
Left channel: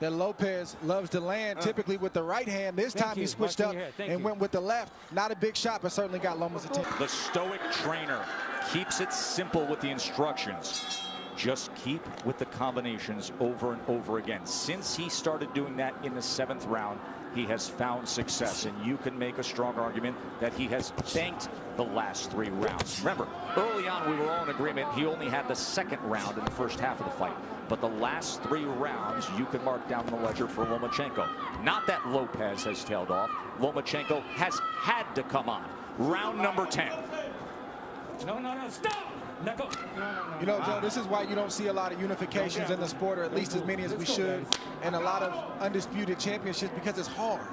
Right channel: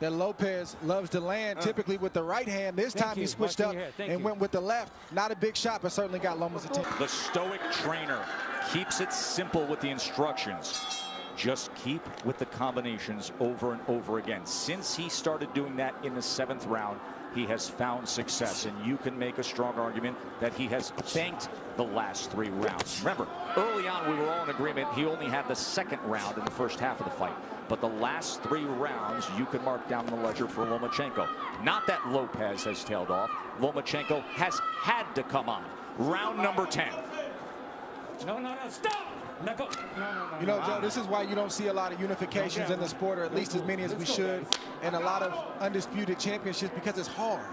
that Lopez loves to land, typically with the right hand. This time he switched up and went with the left. Not a big shot, but certainly got Loma's attention. The stoic trainer keeps it simple with the instructions. Just keep with the combinations over and over again. Since he started doing that in the 7th round, he has found success, and you can make a strong argument that he has thanked the last 3 rounds. Remember, early on we were all in agreement he only had the 2nd round in the first half of the fight. But the last 3 rounds you can mark down the ledger for Lomachenko. Not that Lopez has tailed off. Lomachenko has had to come on. Round number 10. No, stop! No. You know, Joe, this is why you don't see a lot of unifications in the sport, or at least as many as we should, and a lot of undisputed championships, because it's hard.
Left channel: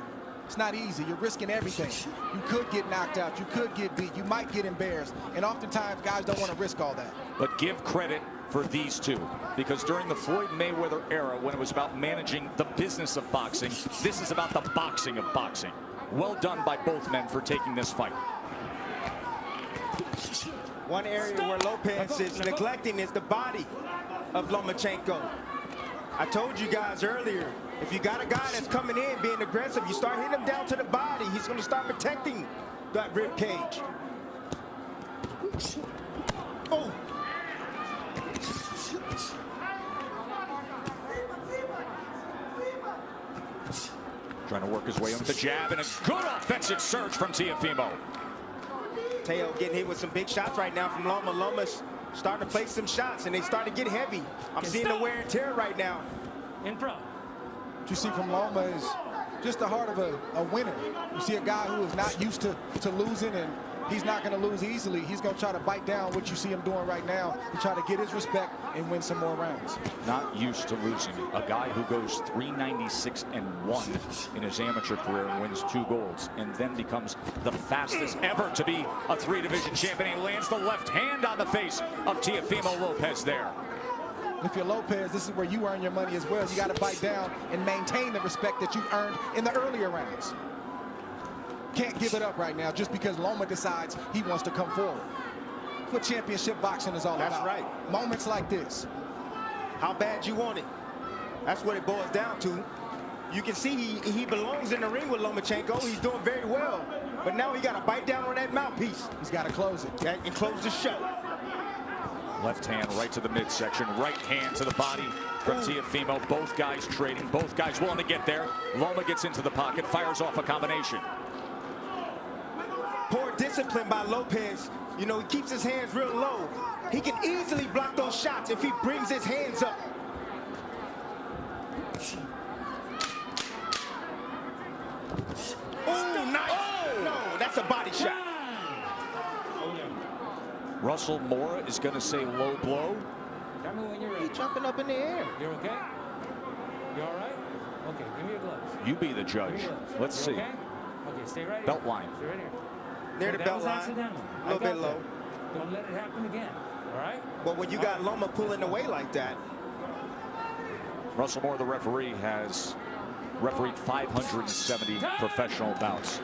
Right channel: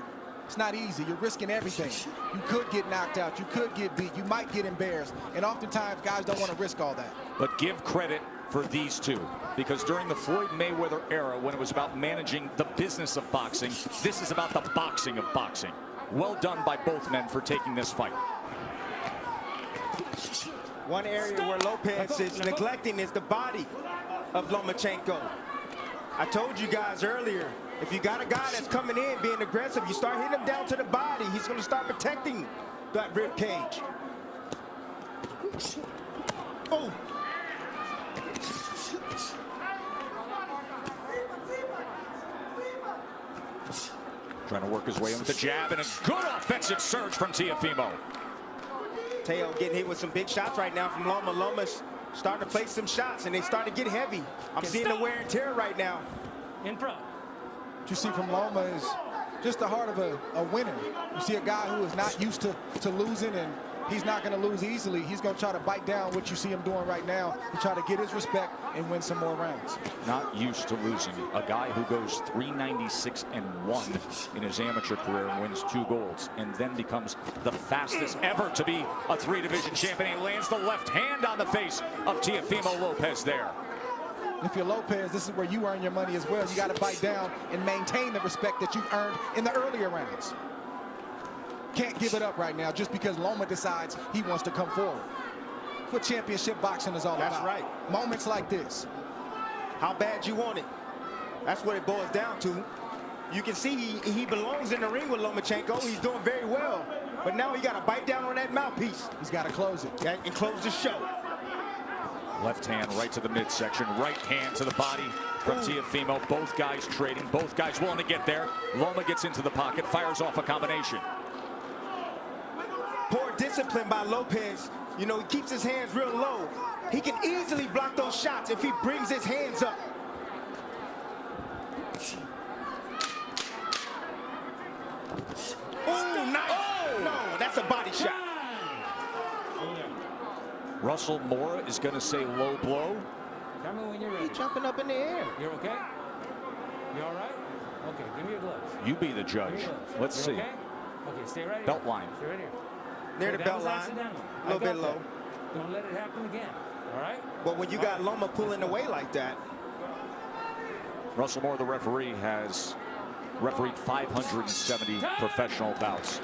It's not easy. You're risking everything. You could get knocked out. You could get beat. You might get embarrassed. And oftentimes, guys don't want to risk all that. But give credit for these two, because during the Floyd Mayweather era, when it was about managing the business of boxing, this is about the boxing of boxing. Well done by both men for taking this fight. One area where Lopez is neglecting is the body of Lomachenko. I told you guys earlier, if you got a guy that's coming in being aggressive, you start hitting him down to the body, he's going to start protecting that rib cage. Oh! Trying to work his way in with the jab, and a good offensive surge from Teofimo. Teo getting hit with some big shots right now from Loma. Loma's starting to place some shots, and they start to get heavy. I'm seeing the wear and tear right now. In front. What you see from Loma is just the heart of a winner. You see a guy who is not used to losing, and he's not going to lose easily. He's going to try to bite down what you see him doing right now to try to get his respect and win some more rounds. Not used to losing. A guy who goes 396-1 in his amateur career and wins 2 golds, and then becomes the fastest ever to be a 3-division champion. He lands the left hand on the face of Teofimo Lopez there. If you're Lopez, this is where you earn your money as well. You got to bite down and maintain the respect that you've earned in the earlier rounds. Can't give it up right now just because Loma decides he wants to come forward. That's what championship boxing is all about. That's right. Moments like this. How bad you want it. That's what it boils down to. You can see he belongs in the ring with Lomachenko. He's doing very well. But now he got to bite down on that mouthpiece. He's got to close it. And close the show. Left hand right to the midsection. Right hand to the body from Teofimo. Both guys trading. Both guys willing to get there. Loma gets into the pocket. Fires off a combination. Poor discipline by Lopez. You know, he keeps his hands real low. He can easily block those shots if he brings his hands up. Oh, nice. Oh. No, That's a body shot. Over there. Russell Mora is going to say low blow. Tell me when you're ready. He's jumping up in the air. You're okay? You all right? Okay, give me your gloves. You be the judge. Give me your gloves. Let's You're see. Okay? Okay, stay right here. Belt line. Stay right here. Near Okay, the that belt was line. accidental. A little I got bit low. that. Don't let it happen again. All right? But when you All got right. Loma pulling away like that, Russell Moore, the referee, has refereed 570 professional bouts.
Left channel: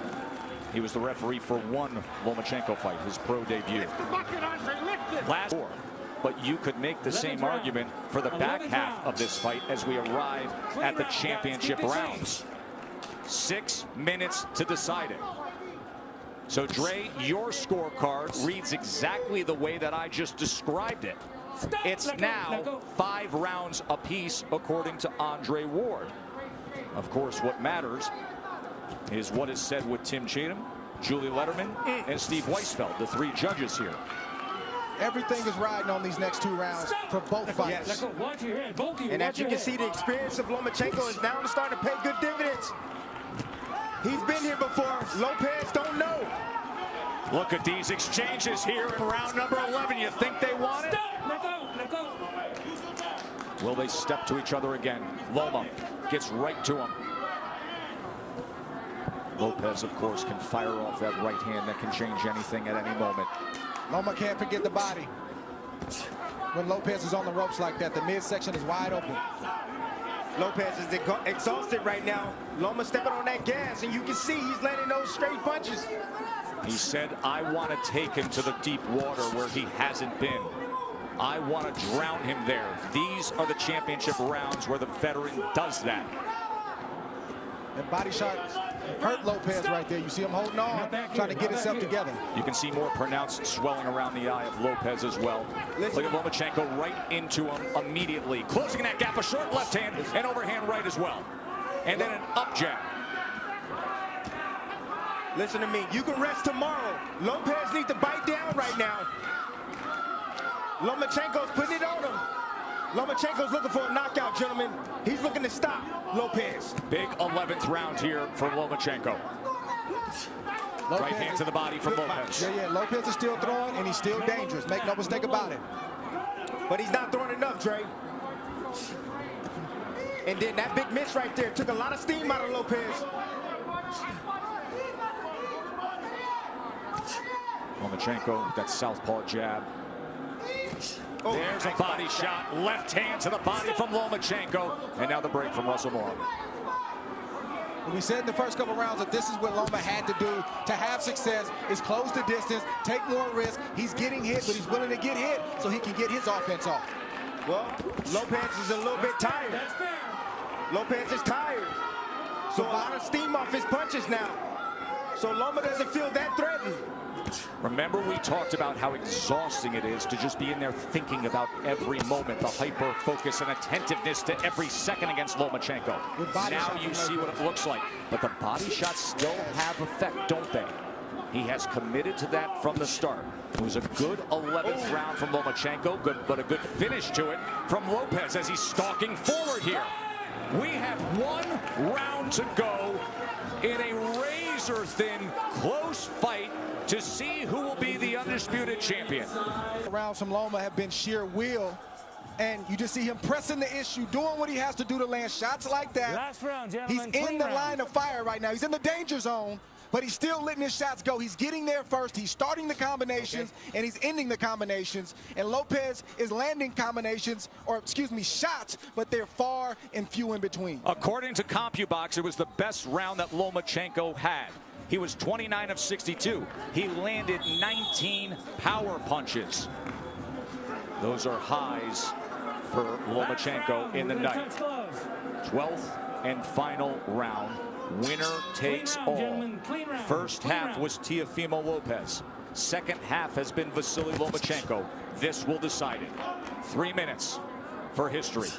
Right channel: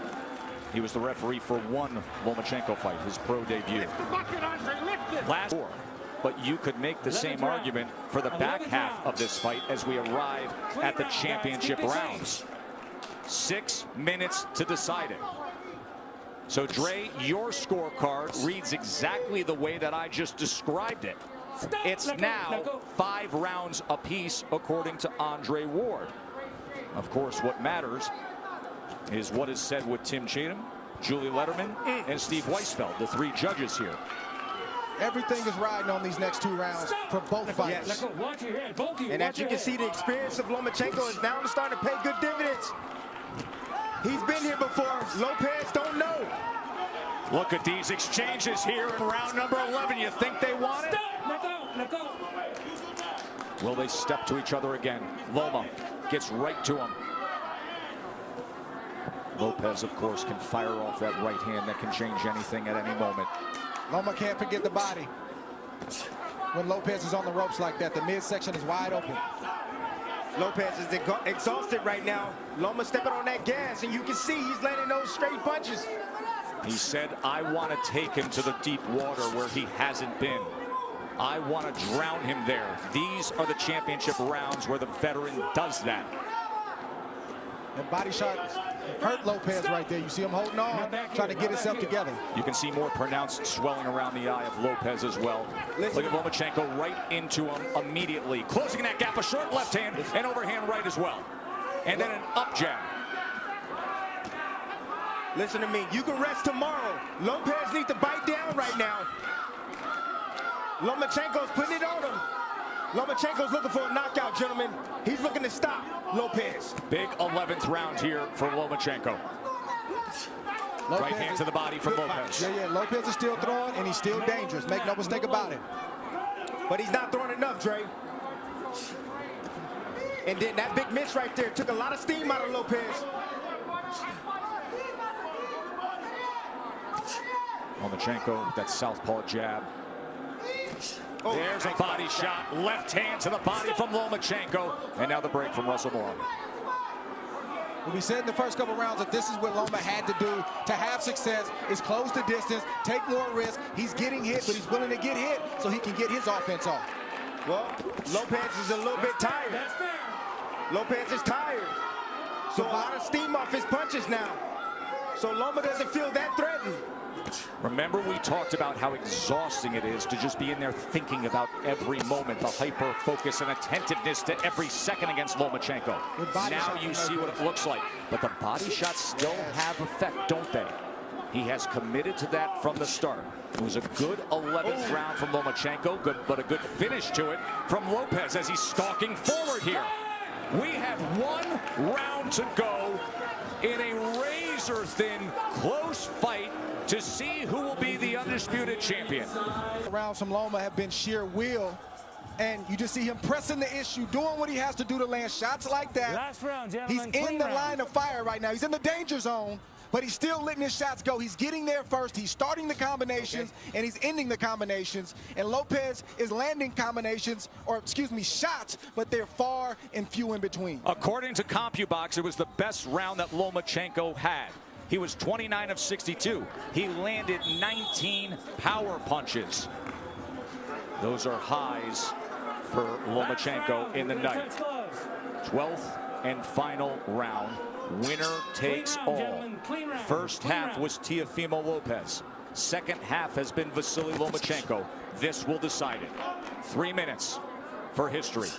He was the referee for one Lomachenko fight, his pro debut. Last four. But you could make the same argument for the back half of this fight as we arrive at the championship rounds. 6 minutes to decide it. So, Dre, your scorecard reads exactly the way that I just described it. It's now 5 rounds apiece, according to Andre Ward. Of course, what matters is what is said with Tim Cheatham, Julie Letterman, and Steve Weisfeld, the 3 judges here. Everything is riding on these next 2 rounds for both fighters. Yes. Watch your head, both of you. and as you can see, the experience of Lomachenko is now starting to pay good dividends. He's been here before. Lopez don't know. Look at these exchanges here in round number 11. You think they want it? Stop! Let go! Will they step to each other again? Loma gets right to him. Lopez, of course, can fire off that right hand that can change anything at any moment. Loma can't forget the body. When Lopez is on the ropes like that, the midsection is wide open. Lopez is exhausted right now. Loma stepping on that gas, and you can see he's landing those straight punches. He said, I want to take him to the deep water where he hasn't been. I want to drown him there. These are the championship rounds where the veteran does that. And body shot hurt Lopez right there. You see him holding on, trying to get himself together. You can see more pronounced swelling around the eye of Lopez as well. Look at Lomachenko right into him immediately. Closing that gap, a short left hand and overhand right as well. And then an up jab. Listen to me. You can rest tomorrow. Lopez needs to bite down right now. Lomachenko's putting it on him. Lomachenko's looking for a knockout, gentlemen. He's looking to stop Lopez. Big 11th round here for Lomachenko. Right hand to the body from Lopez. Yeah, Lopez is still throwing, and he's still dangerous. Make no mistake about it. But he's not throwing enough, Dre. And then that big miss right there took a lot of steam out of Lopez. Lomachenko with that southpaw jab. Oh, there's a body shot. Left hand to the body from Lomachenko. And now the break from Russell Mora. We said in the first couple rounds that this is what Loma had to do to have success, is close the distance, take more risk. He's getting hit, but he's willing to get hit so he can get his offense off. Well, Lopez is a little bit tired. That's fair. Lopez is tired. So a lot of steam off his punches now. So Loma doesn't feel that threatened. Remember, we talked about how exhausting it is to just be in there thinking about every moment, the hyper focus and attentiveness to every second against Lomachenko. Now you see what it looks like. But the body shots still have effect, don't they? He has committed to that from the start. It was a good 11th round from Lomachenko, but a good finish to it from Lopez as he's stalking forward here. We have 1 round to go in a razor-thin, close fight to see who will be the undisputed champion. Rounds from Loma have been sheer will, and you just see him pressing the issue, doing what he has to do to land shots like that. Last round, He's gentlemen. in the line of fire right now. He's in the danger zone, but he's still letting his shots go. He's getting there first. He's starting the combinations, and he's ending the combinations. And Lopez is landing combinations, or excuse me, shots, but they're far and few in between. According to CompuBox, it was the best round that Lomachenko had. He was 29 of 62. He landed 19 power punches. Those are highs for Lomachenko in the night. 12th and final round. Winner takes all. First half was Teofimo Lopez. Second half has been Vasiliy Lomachenko. This will decide it. 3 minutes for history.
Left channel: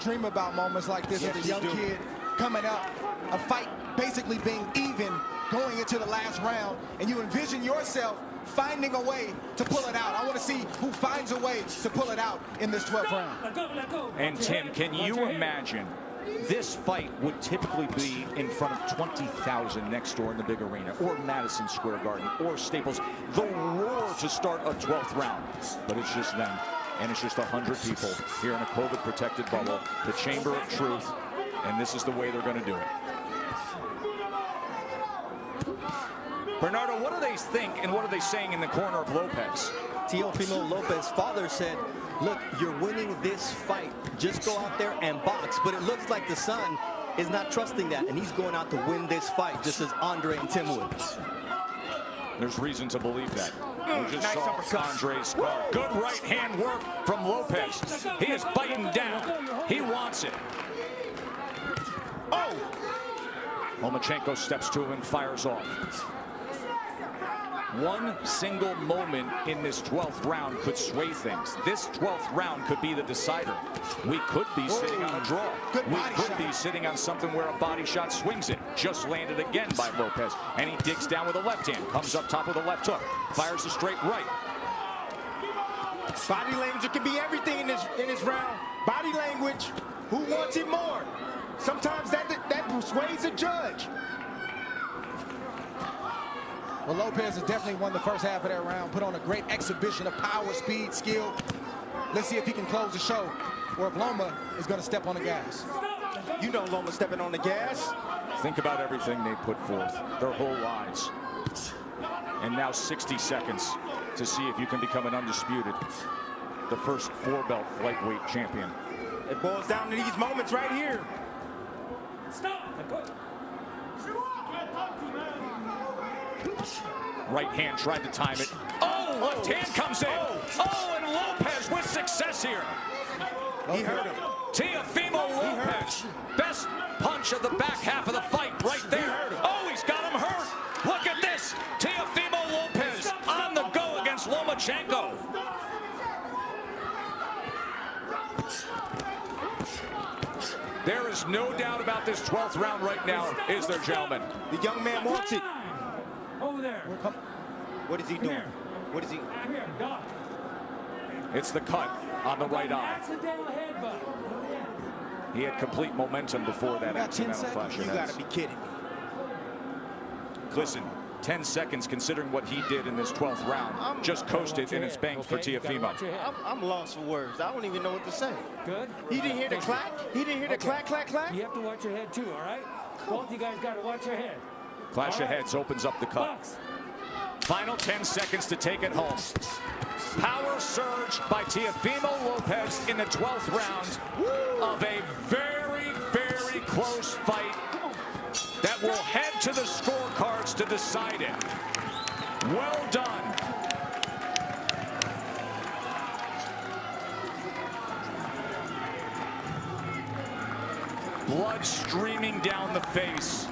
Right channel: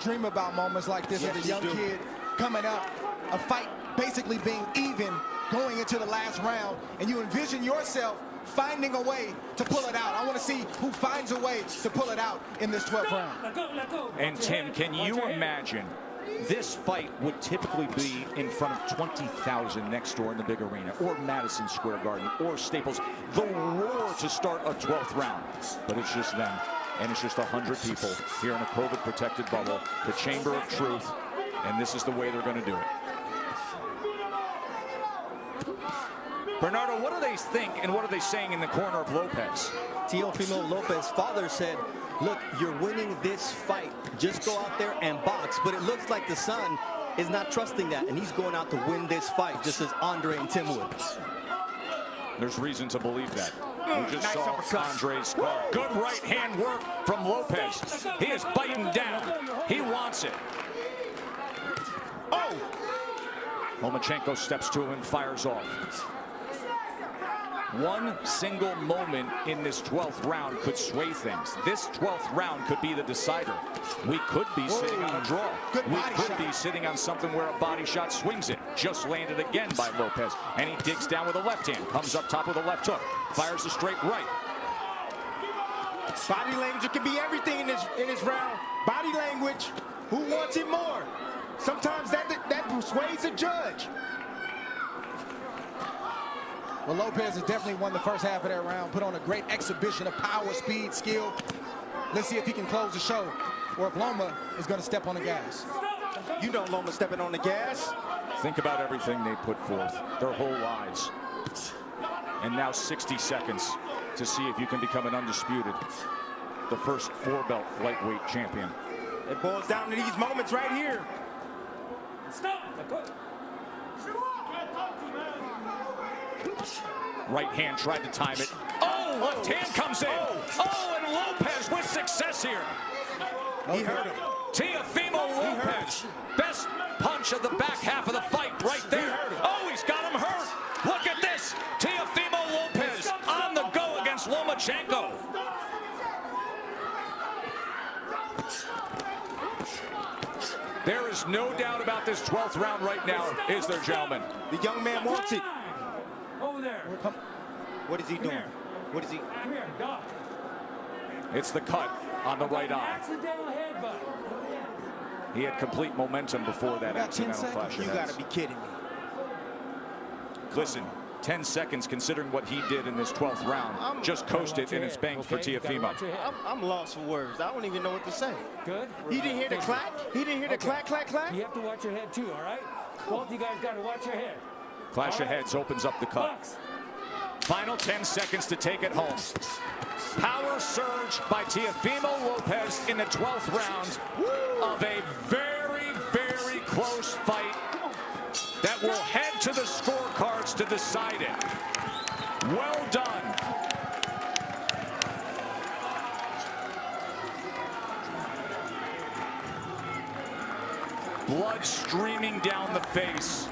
Dream about moments like this as a young kid coming up, a fight basically being even going into the last round, and you envision yourself finding a way to pull it out. I want to see who finds a way to pull it out in this 12th round. And Tim, can you imagine This fight would typically be in front of 20,000 next door in the big arena, or Madison Square Garden, or Staples. The roar to start a 12th round, but it's just them, and it's just 100 people here in a COVID-protected bubble, the Chamber of Truth, and this is the way they're going to do it. Bernardo, what do they think, and what are they saying in the corner of Lopez? Teofimo Lopez's father said, look, you're winning this fight. Just go out there and box. But it looks like the son is not trusting that, and he's going out to win this fight, just as Andre and Tim would. There's reason to believe that. We just nice saw uppercut. Andre's guard. Good right hand work from Lopez. He is biting down. He wants it. Oh! Lomachenko steps to him and fires off. One single moment in this 12th round could sway things. This 12th round could be the decider. We could be sitting on a draw. We could be sitting on something where a body shot swings it. Just landed again by Lopez. And he digs down with a left hand. Comes up top with a left hook. Fires a straight right. Body language can be everything in this round. Body language. Who wants it more? Sometimes that persuades a judge. Well, Lopez has definitely won the first half of that round, put on a great exhibition of power, speed, skill. Let's see if he can close the show, or if Loma is going to step on the gas. You know Loma stepping on the gas. Think about everything they put forth, their whole lives. And now 60 seconds to see if you can become an undisputed, the first 4-belt lightweight champion. It boils down to these moments right here. Stop. Let go. Right hand tried to time it. Oh, left hand comes in. Oh, and Lopez with success here. He hurt him. Teofimo Lopez. Best punch of the back half of the fight right there. Oh, he's got him hurt. Look at this. Teofimo Lopez on the go against Lomachenko. There is no doubt about this 12th round right now, is there, gentlemen? The young man wants it. Over there. What is he doing? What is he? Come here, Doc. It's the cut on the right eye. Accidental headbutt. He had complete momentum before that accidental flash of You heads. got to be kidding me. Listen, 10 seconds considering what he did in this 12th round. Just coasted and it's banged for Teofimo. I'm lost for words. I don't even know what to say. Good. He didn't hear the clack? He didn't hear the clack, clack, clack? You have to watch your head too, all right? Both you guys got to watch your head. Clash of heads opens up the cut. Box. Final 10 seconds to take it home. Power surge by Teofimo Lopez in the 12th round of a very, very close fight that will head to the scorecards to decide it. Well done. Blood streaming down the face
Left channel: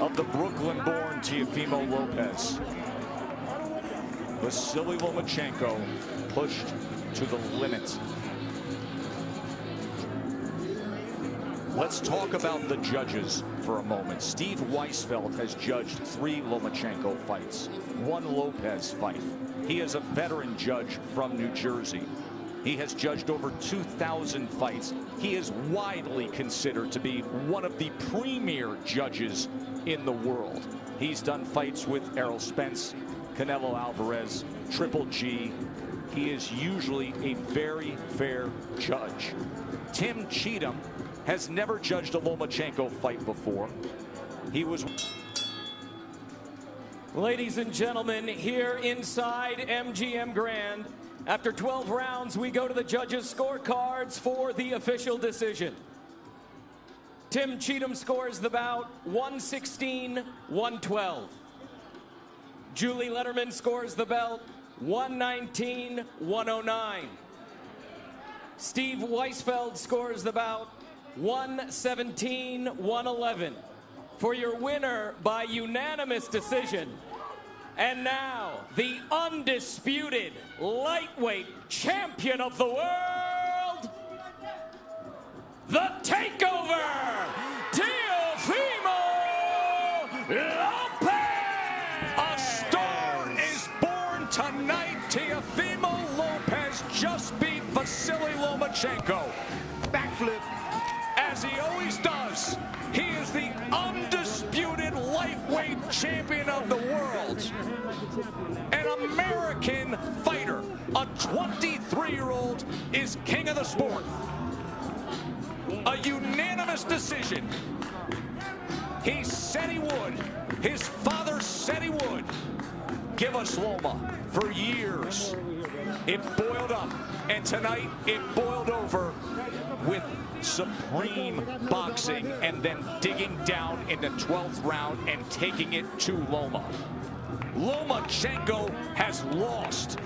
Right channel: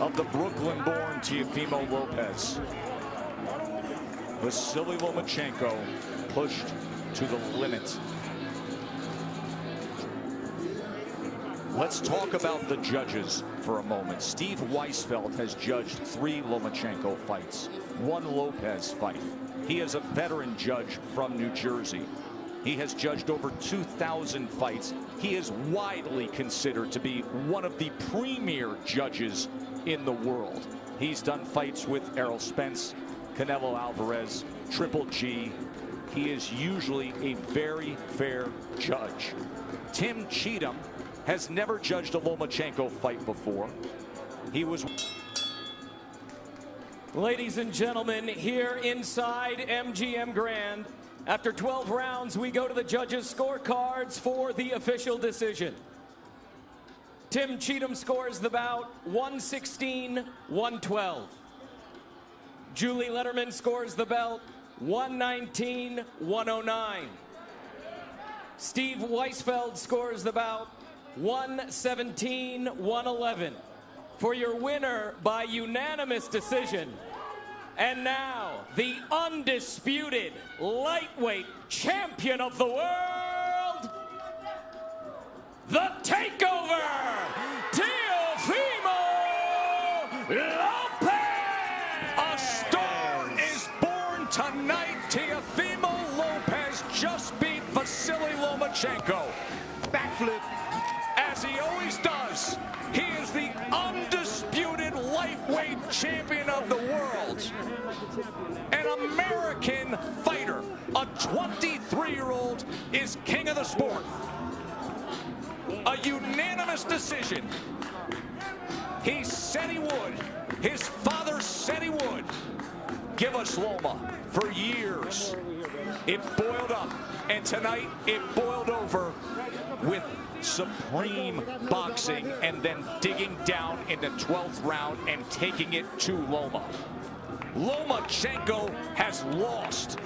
of the Brooklyn-born Teofimo Lopez. Vasiliy Lomachenko pushed to the limit. Let's talk about the judges for a moment. Steve Weisfeld has judged 3 Lomachenko fights, 1 Lopez fight. He is a veteran judge from New Jersey. He has judged over 2,000 fights. He is widely considered to be one of the premier judges in the world. He's done fights with Errol Spence, Canelo Alvarez, Triple G. He is usually a very fair judge. Tim Cheatham has never judged a Lomachenko fight before. He was... Ladies and gentlemen, here inside MGM Grand, after 12 rounds, we go to the judges' scorecards for the official decision. Tim Cheatham scores the bout 116-112. Julie Letterman scores the belt 119-109. Steve Weisfeld scores the bout 117-111. For your winner by unanimous decision. And now, the undisputed lightweight champion of the world, the Takeover, Teofimo Lopez! A star is born tonight. Teofimo Lopez just beat Vasiliy Lomachenko. Backflip. As he always does. He is the undisputed lightweight champion of the world. An American fighter, a 23-year-old, is king of the sport. A unanimous decision. He said he would. His father said he would. Give us Loma. For years, it boiled up, and tonight it boiled over with supreme boxing and then digging down in the 12th round and taking it to Loma. Lomachenko has lost